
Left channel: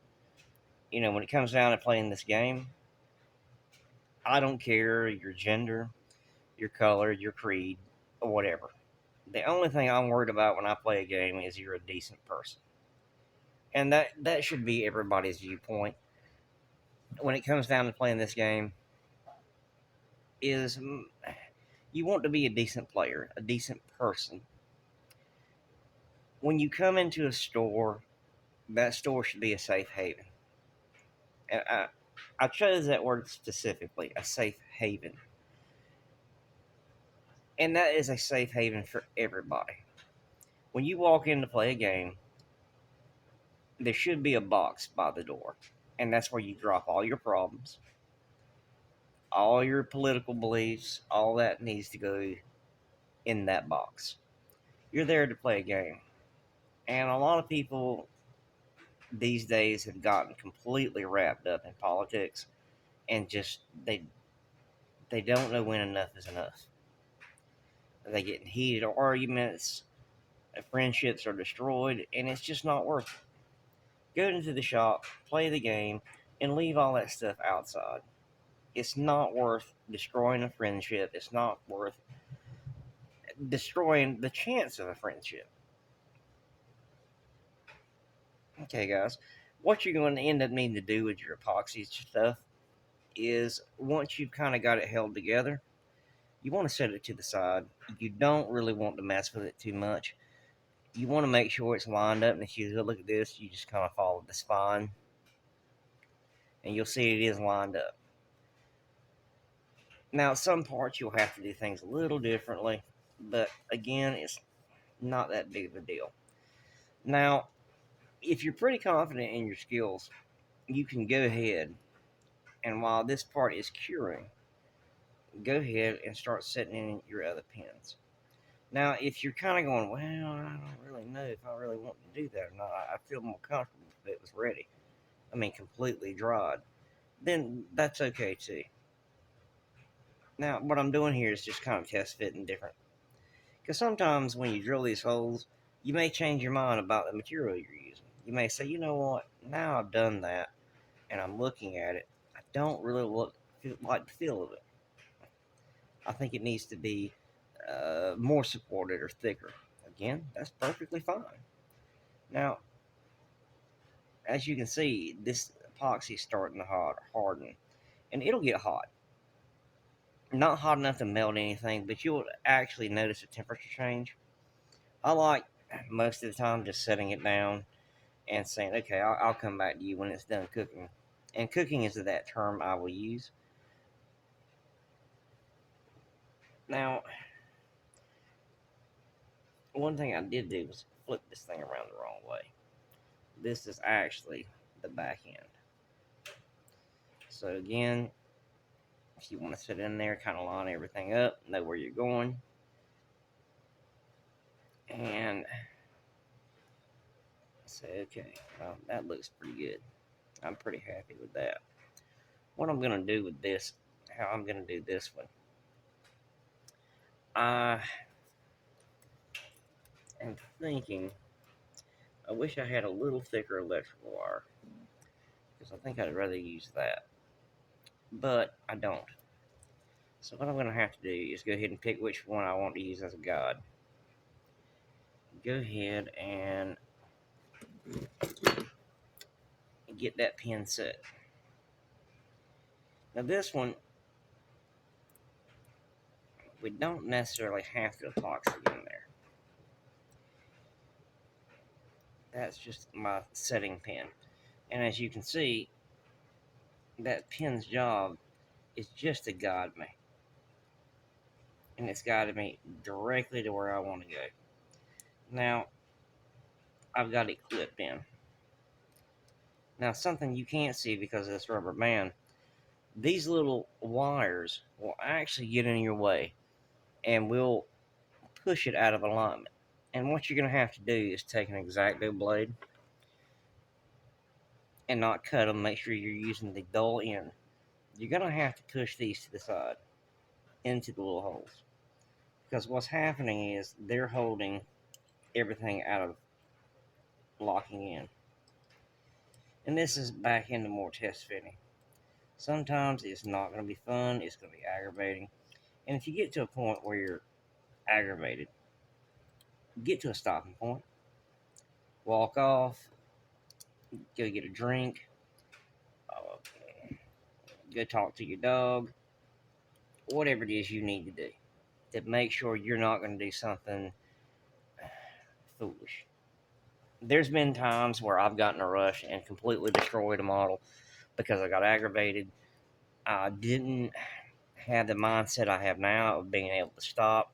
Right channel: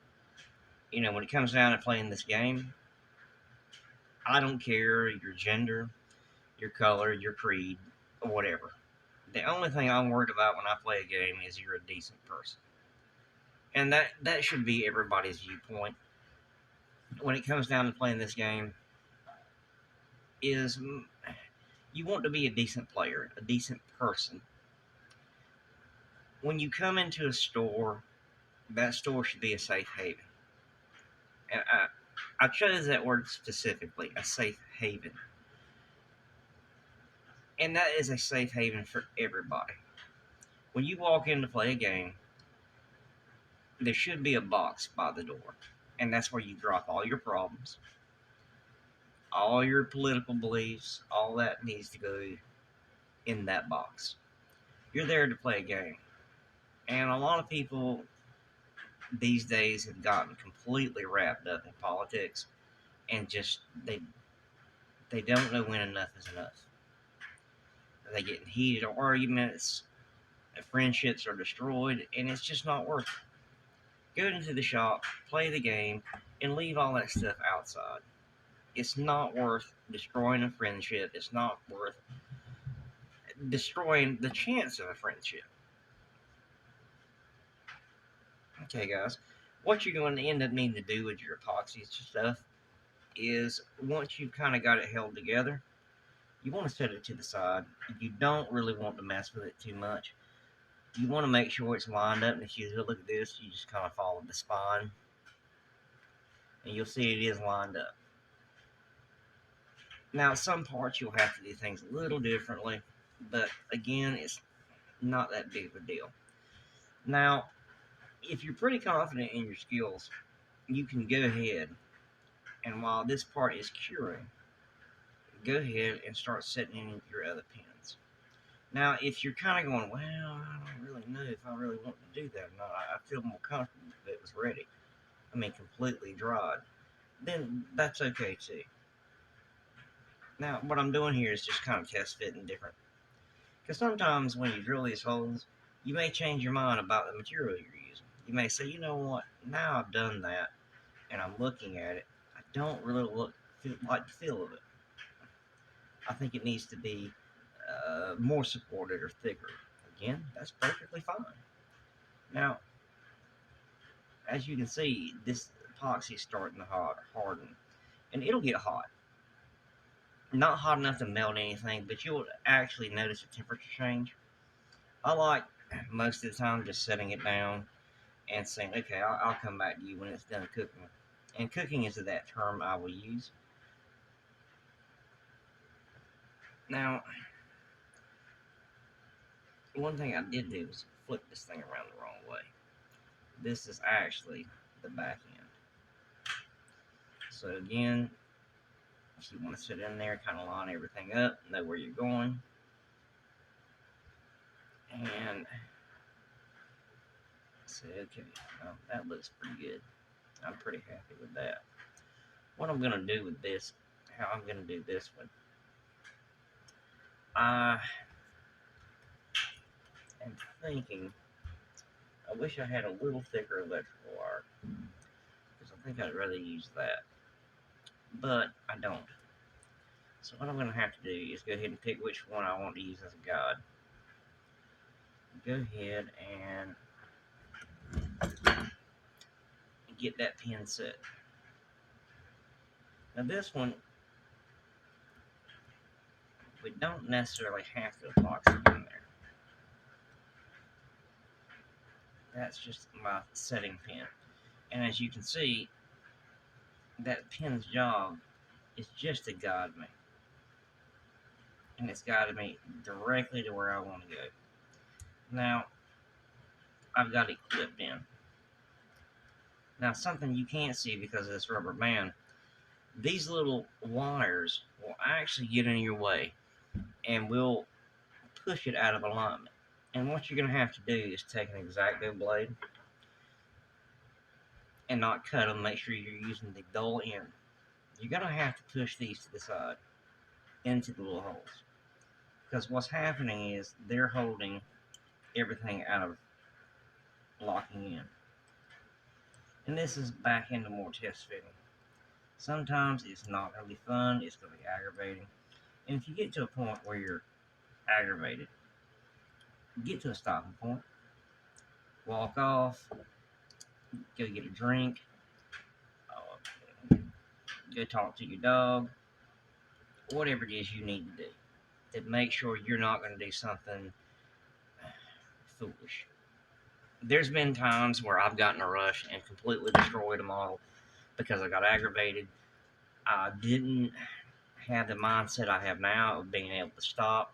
When it comes down to playing this game, I don't care your gender, your color, your creed, or whatever. The only thing I'm worried about when I play a game is you're a decent person. And that should be everybody's viewpoint when it comes down to playing this game is you want to be a decent player, a decent person. When you come into a store, that store should be a safe haven. And I chose that word specifically, a safe haven. And that is a safe haven for everybody. When you walk in to play a game, there should be a box by the door. And that's where you drop all your problems, all your political beliefs, all that needs to go in that box. You're there to play a game. And a lot of people these days have gotten completely wrapped up in politics and just they don't know when enough is enough. They get in heated arguments, friendships are destroyed, and it's just not worth it. Go into the shop, play the game, and leave all that stuff outside. It's not worth destroying a friendship. It's not worth destroying the chance of a friendship. Okay, guys, what you're going to end up needing to do with your epoxy stuff is once you've kind of got it held together, you want to set it to the side. You don't really want to mess with it too much. You want to make sure it's lined up, and if you look at this, you just kind of follow the spine, and you'll see it is lined up. Now, some parts you'll have to do things a little differently, but again, it's not that big of a deal. Now, if you're pretty confident in your skills, you can go ahead and while this part is curing, go ahead and start setting in your other pins. Now, if you're kind of going, well, I don't really know if I really want to do that or not, I feel more comfortable if it was ready. I mean, completely dried. Then that's okay too. Now, what I'm doing here is just kind of test fitting different. Because sometimes when you drill these holes, you may change your mind about the material you're using. You may say, you know what, now I've done that and I'm looking at it, I don't really like the feel of it. I think it needs to be more supported or thicker. Again, that's perfectly fine. Now, as you can see, this epoxy is starting to harden, and it'll get hot. Not hot enough to melt anything, but you'll actually notice a temperature change. I like most of the time just setting it down and saying, okay, I'll come back to you when it's done cooking. And cooking is that term I will use. Now, one thing I did do was flip this thing around the wrong way. This is actually the back end. So again, if you want to sit in there, kind of line everything up, know where you're going. And say, okay, well, that looks pretty good. I'm pretty happy with that. what I'm gonna do with this, how I'm gonna do this one. I am thinking, I wish I had a little thicker electrical wire, because I think I'd rather use that, but I don't. So what I'm gonna have to do is go ahead and pick which one I want to use as a guide. Go ahead and get that pin set. Now this one, we don't necessarily have to epoxy in there. That's just my setting pin. And as you can see, that pin's job is just to guide me. And it's guided me directly to where I want to go. Now, I've got it clipped in. Now, something you can't see because of this rubber band, these little wires will actually get in your way and will push it out of alignment. And what you're going to have to do is take an X-Acto blade and not cut them. Make sure you're using the dull end. You're going to have to push these to the side into the little holes, because what's happening is they're holding everything out of locking in. And this is back into more test fitting. Sometimes it's not going to be fun, it's going to be aggravating. And if you get to a point where you're aggravated, get to a stopping point, walk off, go get a drink, go talk to your dog, whatever it is you need to do to make sure you're not going to do something foolish. There's been times where I've gotten a rush and completely destroyed a model because I got aggravated. I didn't have the mindset I have now of being able to stop,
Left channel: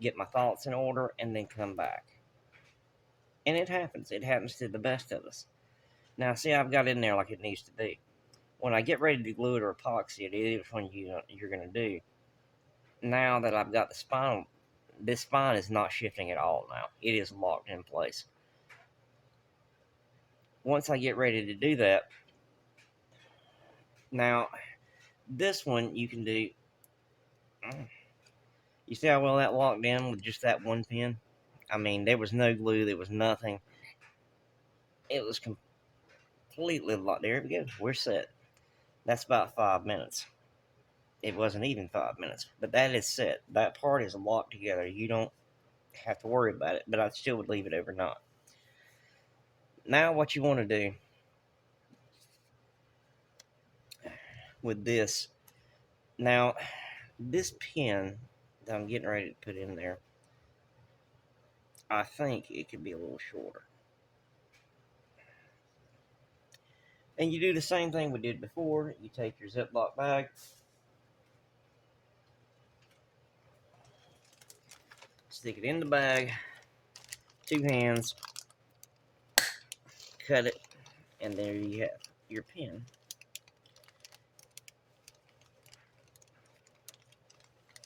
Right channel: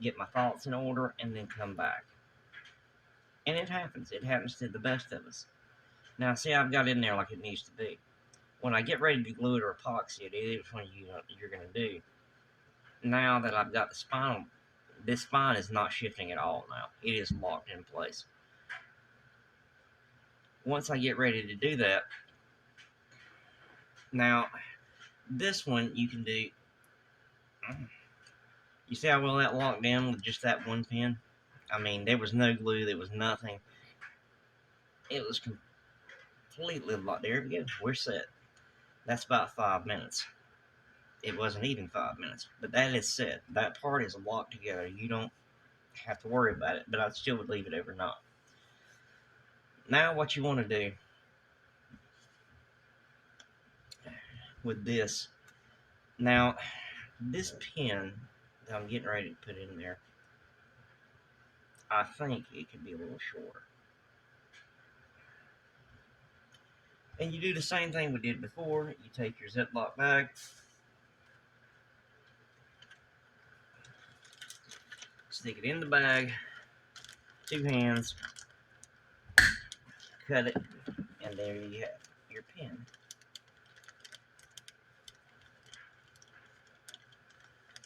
get my thoughts in order, and then come back. And it happens. It happens to the best of us. Now, see, I've got in there like it needs to be. When I get ready to glue it or epoxy it, either one you're going to do. Now that I've got the spine, this spine is not shifting at all now. It is locked in place. Once I get ready to do that, now this one you can do. You see how well that locked in with just that one pin? I mean, there was no glue, there was nothing. It was completely locked. There we go. We're set. That's about 5 minutes. It wasn't even 5 minutes, but that is set. That part is locked together. You don't have to worry about it, but I still would leave it overnight. Now, what you want to do with this, now, this pin that I'm getting ready to put in there, I think it could be a little shorter. And you do the same thing we did before. You take your Ziploc bag, stick it in the bag, 2 hands, cut it, and there you have your pin.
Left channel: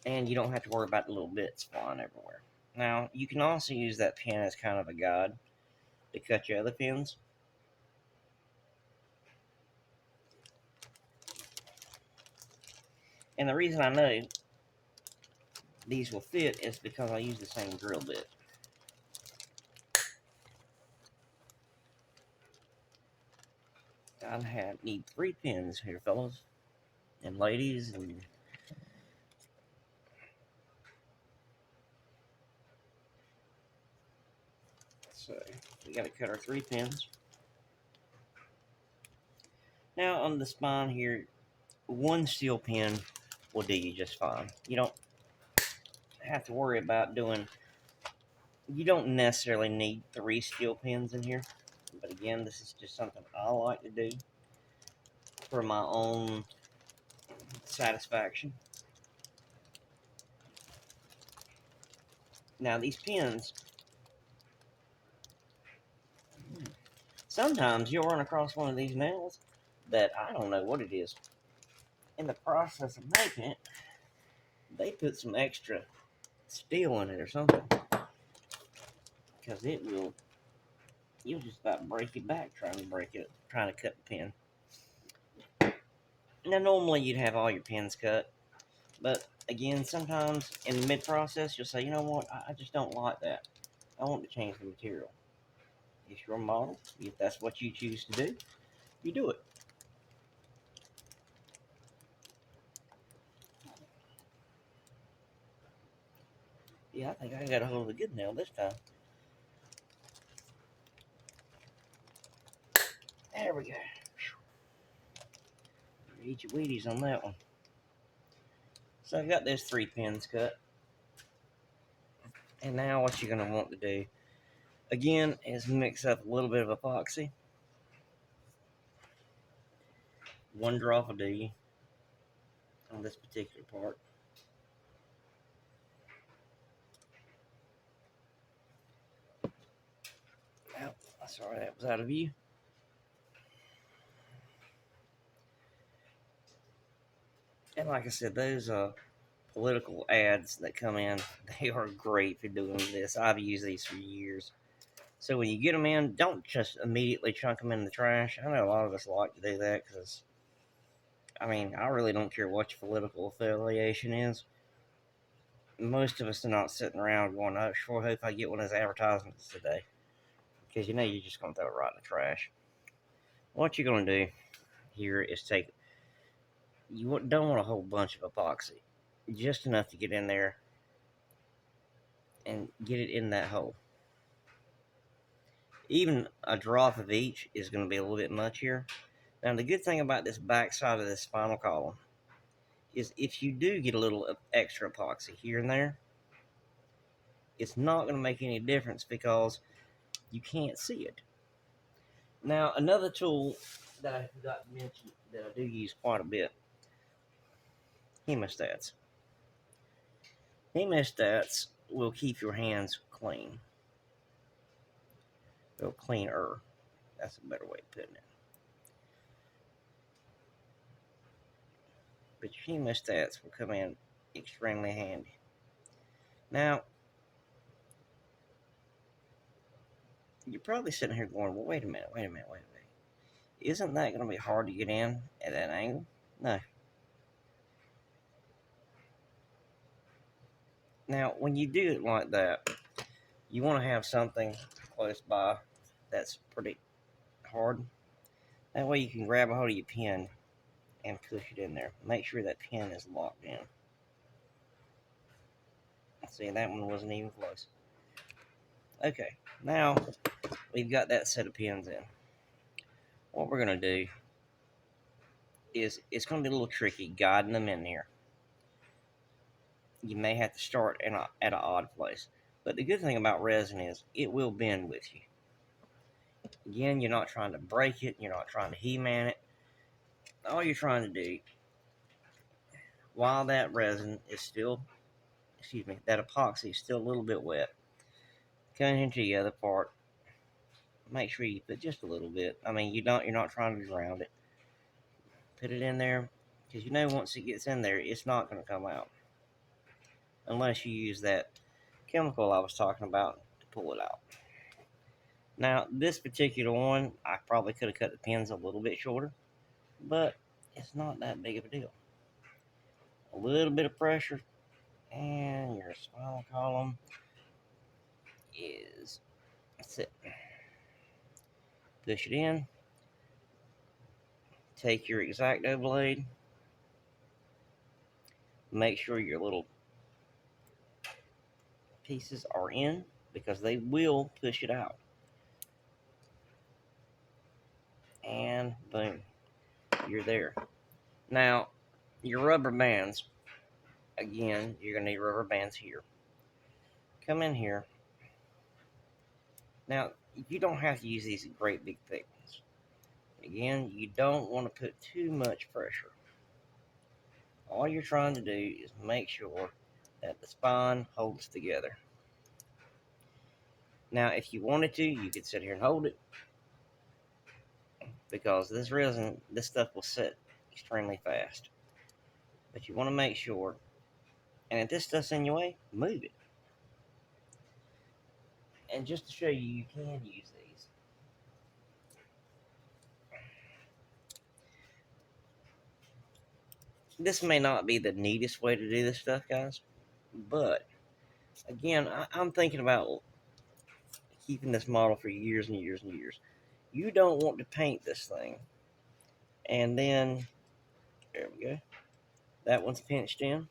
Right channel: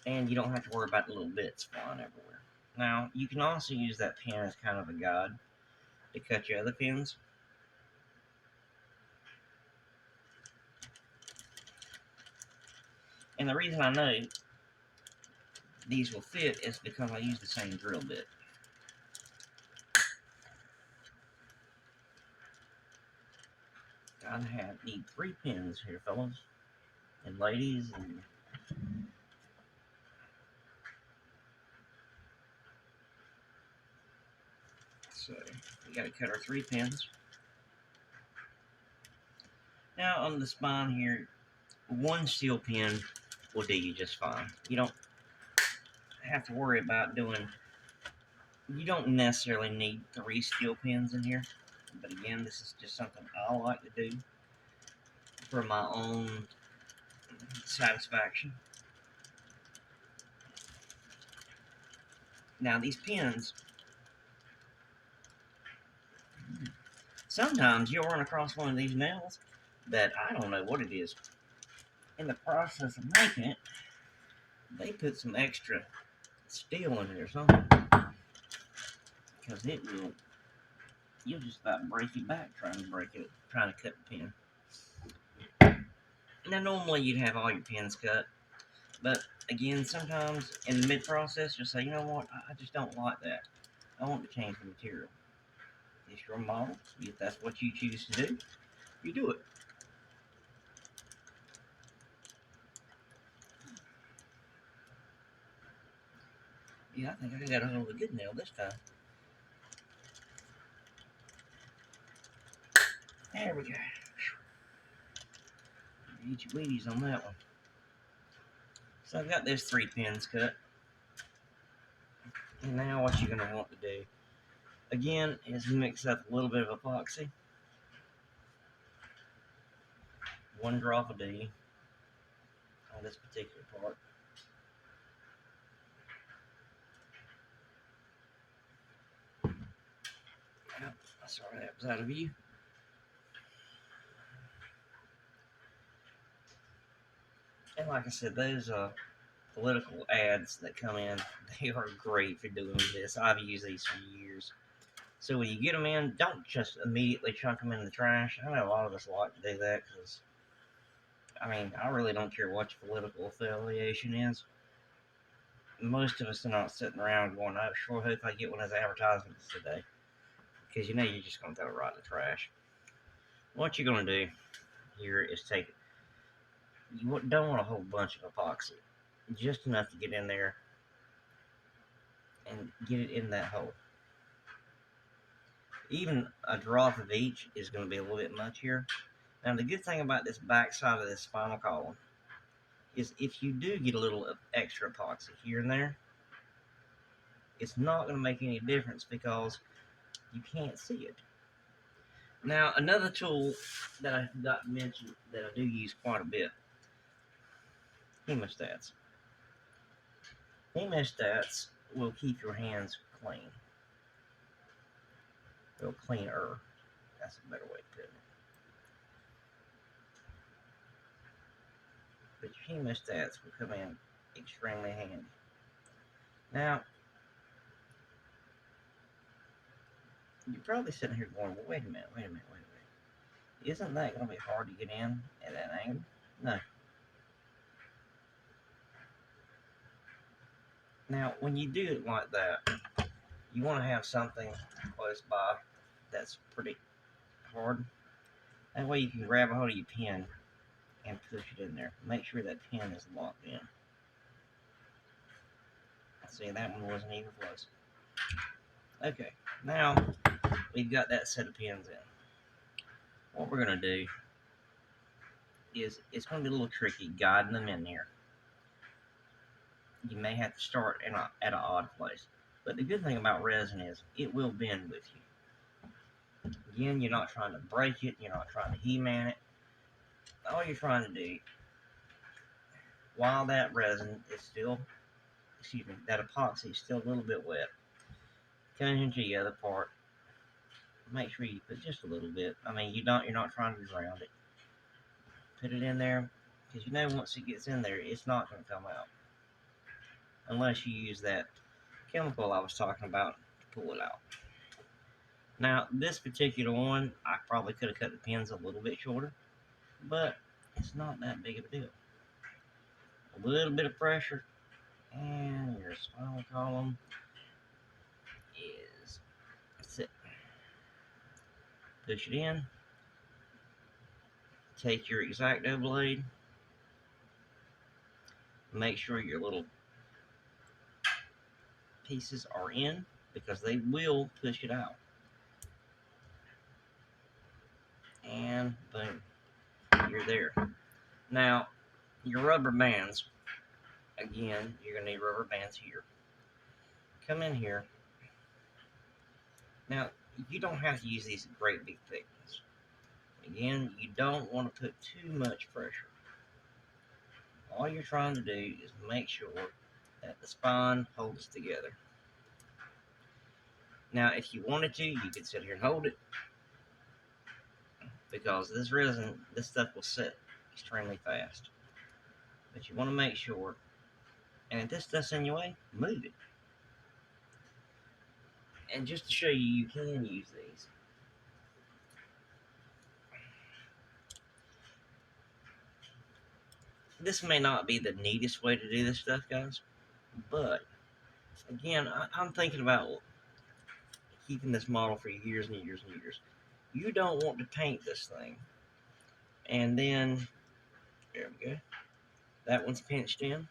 And you don't have to worry about the little bits flying everywhere. Now, you can also use that pin as kind of a guide to cut your other pins. And the reason I know these will fit is because I use the same drill bit. I need 3 pins here, fellas and ladies, and so we got to cut our 3 pins. Now on the spine here, 1 steel pin will do you just fine. You don't have to worry about doing. You don't necessarily need 3 steel pins in here, but again, this is just something I like to do for my own satisfaction. Now these pins, sometimes you'll run across one of these nails that I don't know what it is. In the process of making it, they put some extra steel in it or something, because you'll just about break your back trying to cut the pin. Now, normally you'd have all your pins cut, but again, sometimes in the mid-process, you'll say, you know what, I just don't like that. I want to change the material. It's your model. If that's what you choose to do, you do it. Yeah, I think I got a hold of a good nail this time. There we go. Eat your Wheaties on that one. So I've got those 3 pins cut. And now what you're going to want to do, again, is mix up a little bit of epoxy. 1 drop of D on this particular part. Oh, sorry, that was out of view. And like I said, those political ads that come in, they are great for doing this. I've used these for years. So when you get them in, don't just immediately chunk them in the trash. I know a lot of us like to do that because, I mean, I really don't care what your political affiliation is. Most of us are not sitting around going, "I sure hope I get one of those advertisements today," because you know you're just going to throw it right in the trash. What you're going to do here is take, you don't want a whole bunch of epoxy, just enough to get in there and get it in that hole. Even a drop of each is going to be a little bit much here. Now the good thing about this back side of this spinal column is if you do get a little extra epoxy here and there, it's not going to make any difference because you can't see it. Now another tool that I forgot to mention that I do use quite a bit, hemostats. Hemostats will keep your hands clean. Or cleaner. That's a better way of putting it. But your hemostats will come in extremely handy. Now, you're probably sitting here going, well, wait a minute. Isn't that going to be hard to get in at that angle? No. Now, when you do it like that, you want to have something close by that's pretty hard. That way you can grab a hold of your pin and push it in there. Make sure that pin is locked in. See, that one wasn't even close. Okay, now we've got that set of pins in. What we're going to do is, it's going to be a little tricky guiding them in here. You may have to start at an odd place. But the good thing about resin is it will bend with you. Again, you're not trying to break it. You're not trying to He-Man it. All you're trying to do, while that resin is still, that epoxy is still a little bit wet, come into the other part. Make sure you put just a little bit. I mean, you're not trying to drown it. Put it in there, because you know once it gets in there, it's not going to come out. Unless you use that chemical I was talking about to pull it out. Now, this particular one, I probably could have cut the pins a little bit shorter, but it's not that big of a deal. A little bit of pressure, and your spinal column is, that's it. Push it in. Take your X-Acto blade. Make sure your little pieces are in, because they will push it out. And boom, you're there. Now, your rubber bands, again, you're going to need rubber bands here. Come in here. Now, you don't have to use these great big thick ones. Again, you don't want to put too much pressure. All you're trying to do is make sure that the spine holds together. Now, if you wanted to, you could sit here and hold it, because this resin, this stuff will set extremely fast. But you want to make sure, and if this stuff's in your way, move it. And just to show you, you can use these. This may not be the neatest way to do this stuff, guys, but again, I'm thinking about keeping this model for years and years and years. You don't want to paint this thing, and then there we go. That one's pinched in,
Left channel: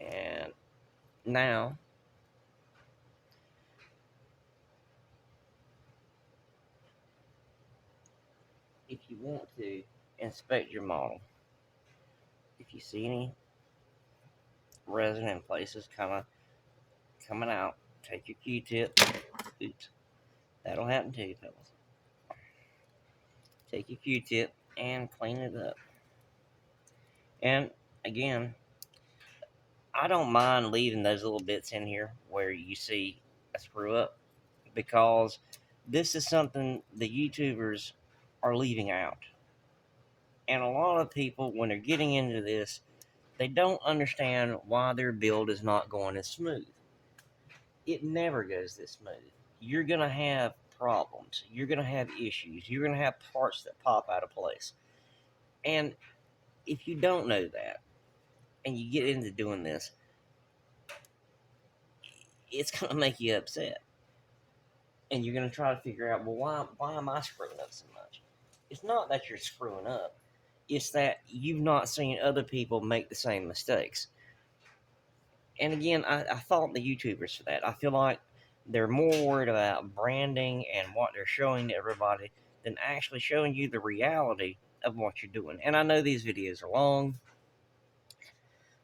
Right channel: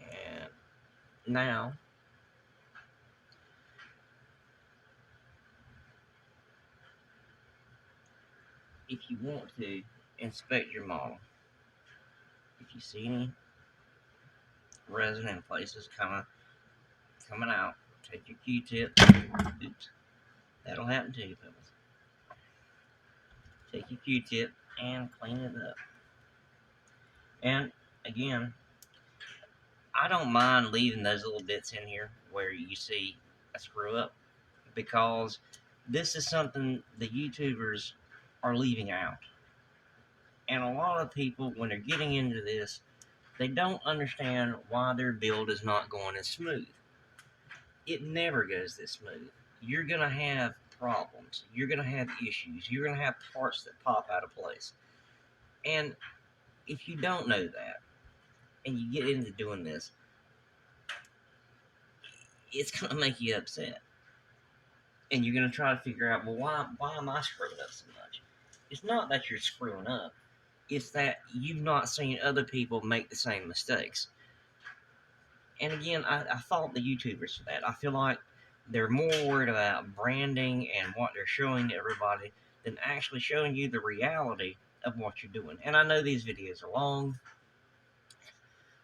and now if you want to inspect your model, if you see any resin in places kind of coming out, take your Q-tip. Oops, that'll happen to you, fellas. Take your Q-tip and clean it up. And again, I don't mind leaving those little bits in here where you see a screw up, because this is something the YouTubers are leaving out. And a lot of people, when they're getting into this, they don't understand why their build is not going as smooth. It never goes this smooth. You're going to have problems. You're going to have issues. You're going to have parts that pop out of place. And if you don't know that, and you get into doing this, it's going to make you upset. And you're going to try to figure out, well, why am I screwing up so much? It's not that you're screwing up. It's that you've not seen other people make the same mistakes. And again, I fault the YouTubers for that. I feel like they're more worried about branding and what they're showing to everybody than actually showing you the reality of what you're doing. And I know these videos are long,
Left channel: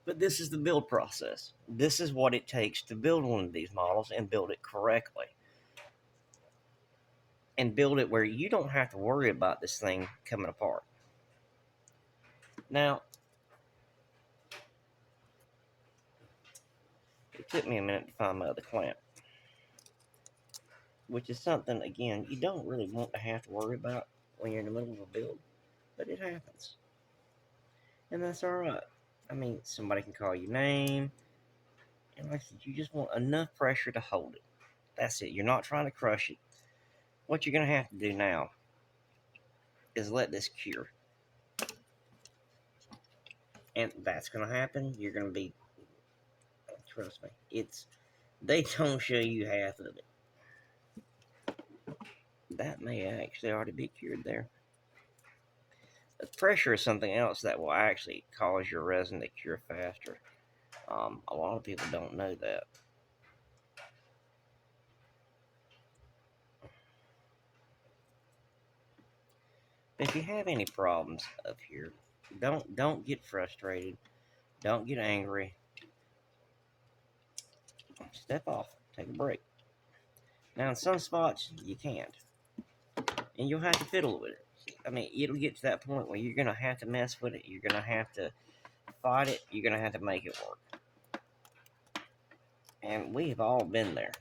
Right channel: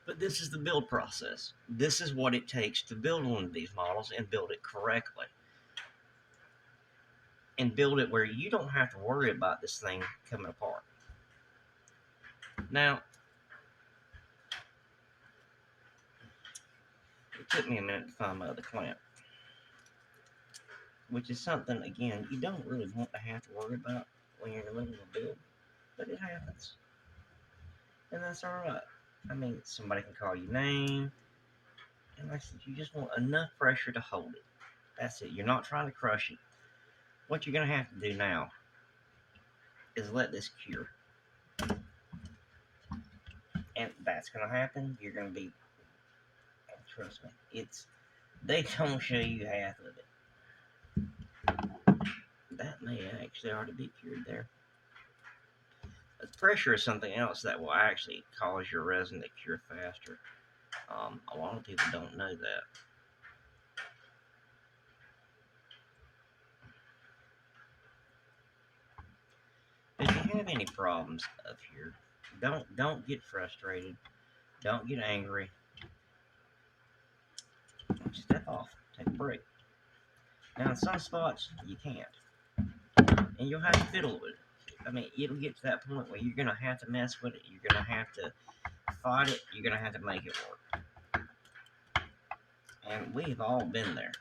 but this is the build process. This is what it takes to build one of these models and build it correctly. And build it where you don't have to worry about this thing coming apart. Now, it took me a minute to find my other clamp, which is something, again, you don't really want to have to worry about when you're in the middle of a build, but it happens. And that's alright. I mean, somebody can call your name, and like I said, you just want enough pressure to hold it. That's it. You're not trying to crush it. What you're going to have to do now is let this cure. And that's going to happen. You're going to be, trust me, they don't show you half of it. That may actually already be cured there. But pressure is something else that will actually cause your resin to cure faster. A lot of people don't know that. If you have any problems up here, don't get frustrated. Don't get angry. Step off. Take a break. Now, in some spots, you can't. And you'll have to fiddle with it. I mean, it'll get to that point where you're going to have to mess with it. You're going to have to fight it. You're going to have to make it work. And we've all been there.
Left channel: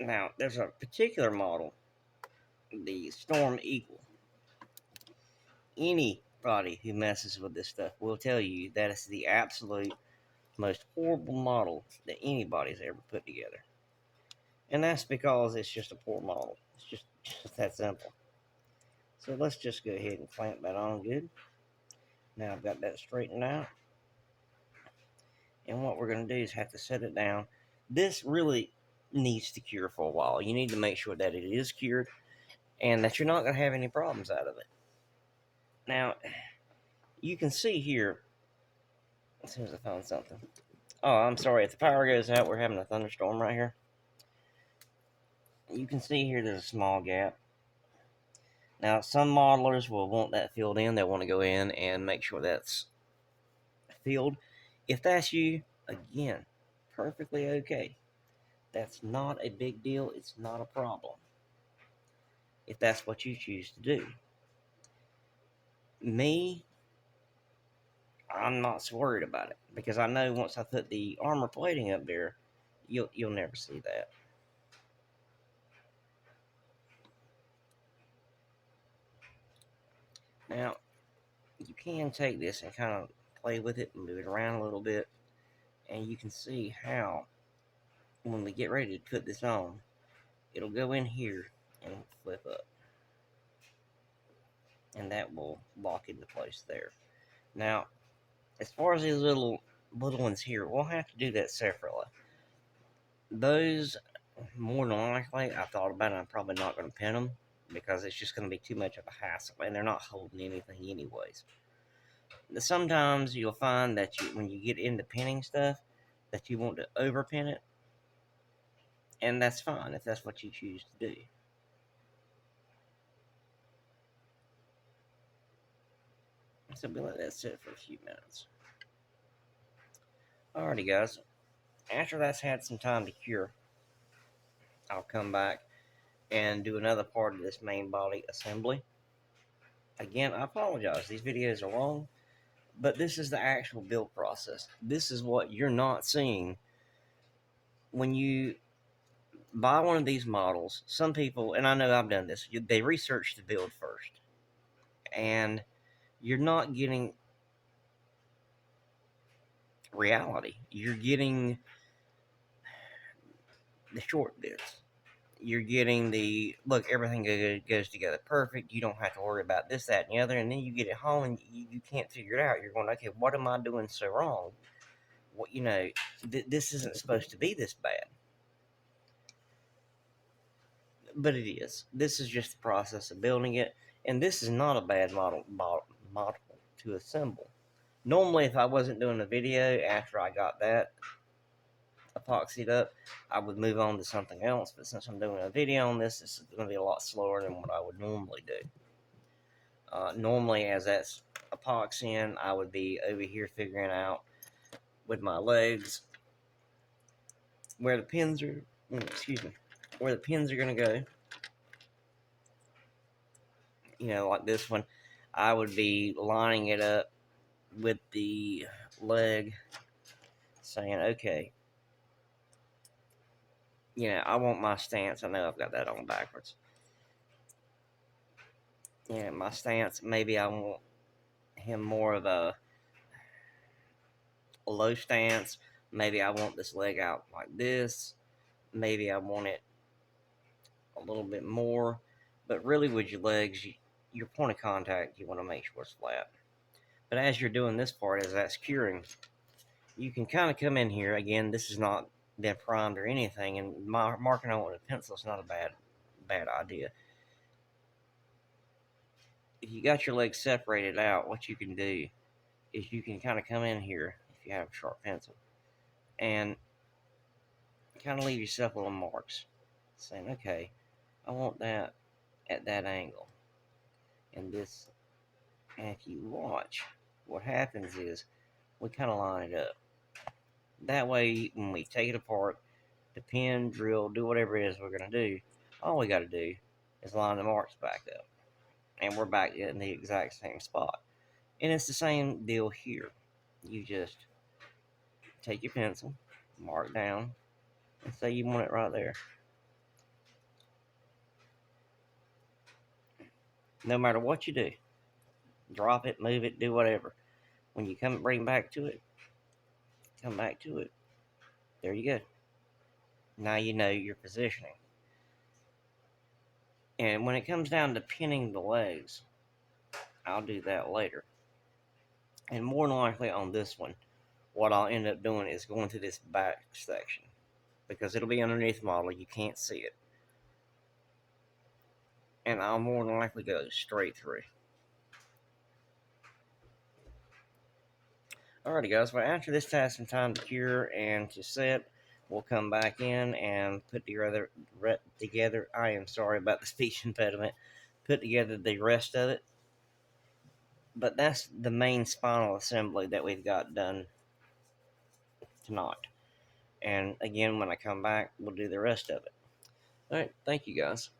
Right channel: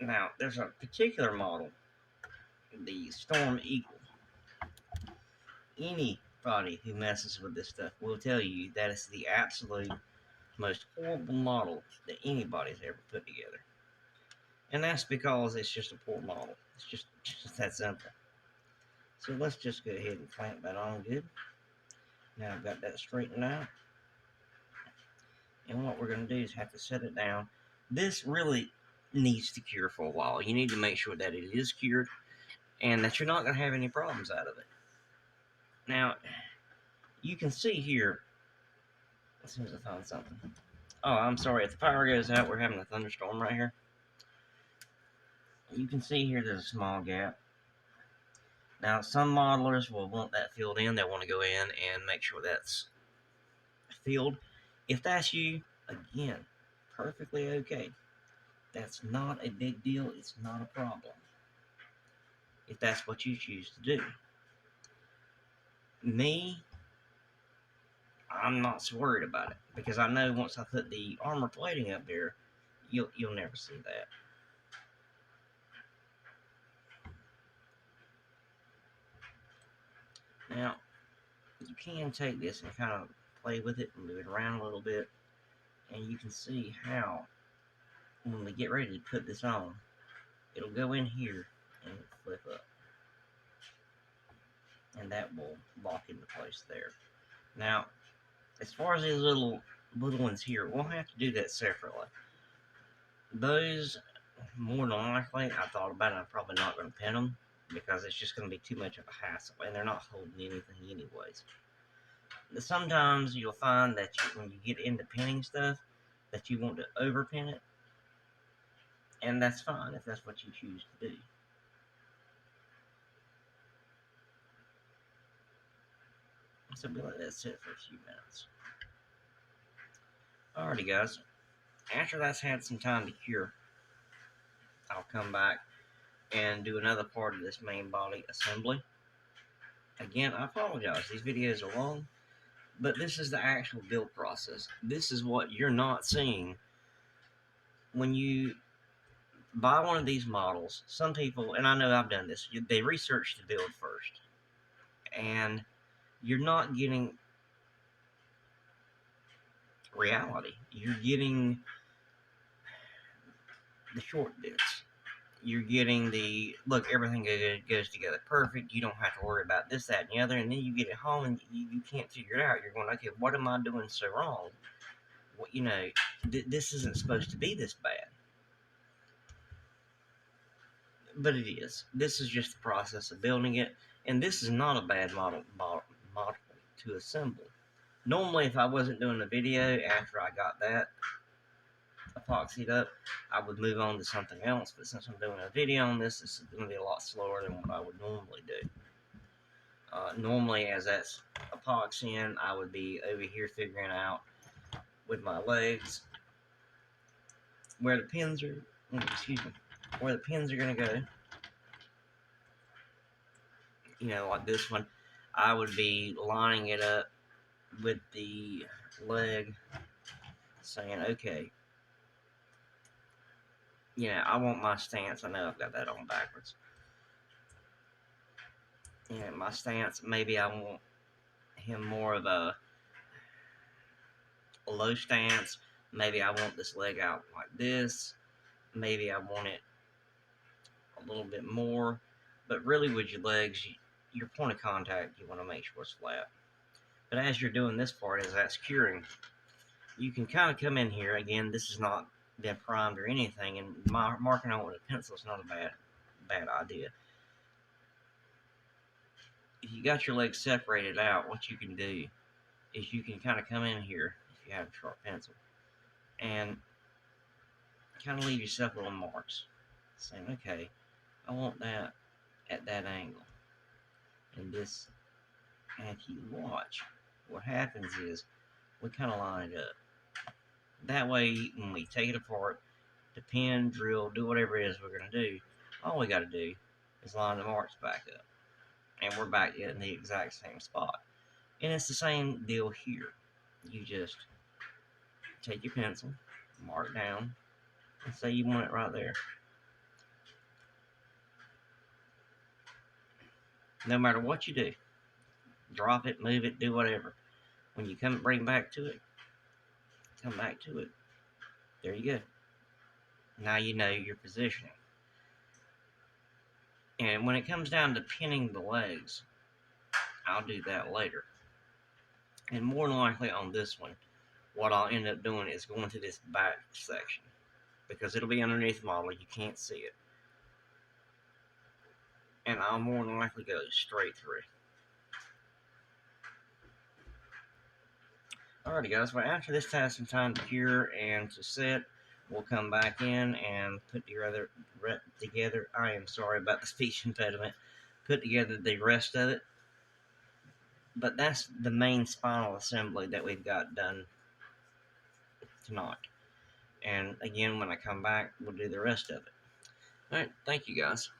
Now, there's a particular model, the Storm Eagle. Anybody who messes with this stuff will tell you that it's the absolute most horrible model that anybody's ever put together. And that's because it's just a poor model. It's just that simple. So let's just go ahead and clamp that on good. Now I've got that straightened out. And what we're going to do is have to set it down. This really needs to cure for a while. You need to make sure that it is cured and that you're not going to have any problems out of it. Now, you can see here, as soon as I find something. Oh, I'm sorry. If the power goes out, we're having a thunderstorm right here. You can see here there's a small gap. Now, some modelers will want that filled in. They want to go in and make sure that's filled. If that's you, again, perfectly okay. That's not a big deal. It's not a problem. If that's what you choose to do. Me, I'm not so worried about it, because I know once I put the armor plating up there, you'll never see that. Now, you can take this and kind of play with it and move it around a little bit, and you can see how when we get ready to put this on, it'll go in here and flip up. and that will lock into place there. Now, as far as these little ones here, we'll have to do that separately. Those, more than likely, I thought about it, I'm probably not going to pin them because it's just going to be too much of a hassle, and they're not holding anything anyways. Sometimes you'll find that when you get into pinning stuff, that you want to overpin it, and that's fine if that's what you choose to do. So we'll let that sit for a few minutes. Alrighty, guys. After that's had some time to cure, I'll come back and do another part of this main body assembly. Again, I apologize. These videos are long, but this is the actual build process. This is what you're not seeing when you buy one of these models. Some people, and I know I've done this, they research the build first, and you're not getting reality. You're getting the short bits. You're getting the look, everything goes together perfect. You don't have to worry about this, that, and the other. And then you get it home and you can't figure it out. You're going, okay, what am I doing so wrong? What, this isn't supposed to be this bad. But it is. This is just the process of building it. And this is not a bad model to assemble. Normally, if I wasn't doing a video after I got that epoxied up, I would move on to something else. But since I'm doing a video on this is going to be a lot slower than what I would normally do. Normally, as that's epoxying, I would be over here figuring out with my legs where the pins are. Where the pins are going to go. Like this one, I would be lining it up with the leg, saying, okay, I want my stance. I know I've got that on backwards. My stance, maybe I want him more of a low stance. Maybe I want this leg out like this. Maybe I want it a little bit more. But really with your legs, your point of contact, you want to make sure it's flat. But as you're doing this part, as that's curing, you can kind of come in here. Again, this is not been primed or anything, and marking on with a pencil is not a bad idea. If you got your legs separated out, what you can do is you can kind of come in here if you have a sharp pencil and kind of leave yourself little marks, saying, okay, I want that at that angle. And this, and if you watch, what happens is we kind of line it up. That way, when we take it apart, to pin, drill, do whatever it is we're going to do, all we got to do is line the marks back up. And we're back in the exact same spot. And it's the same deal here. You just take your pencil, mark down, and say you want it right there. No matter what you do, drop it, move it, do whatever. When you bring back to it, come back to it. There you go. Now you know your positioning. And when it comes down to pinning the legs, I'll do that later. And more than likely on this one, what I'll end up doing is going to this back section, because it'll be underneath the model, you can't see it. And I'll more than likely go straight through. Alrighty guys, well after this has some time to cure and to set, we'll come back in and put together, I am sorry about the speech impediment, put together the rest of it. But that's the main spinal assembly that we've got done tonight. And again, when I come back, we'll do the rest of it. Alright, thank you guys.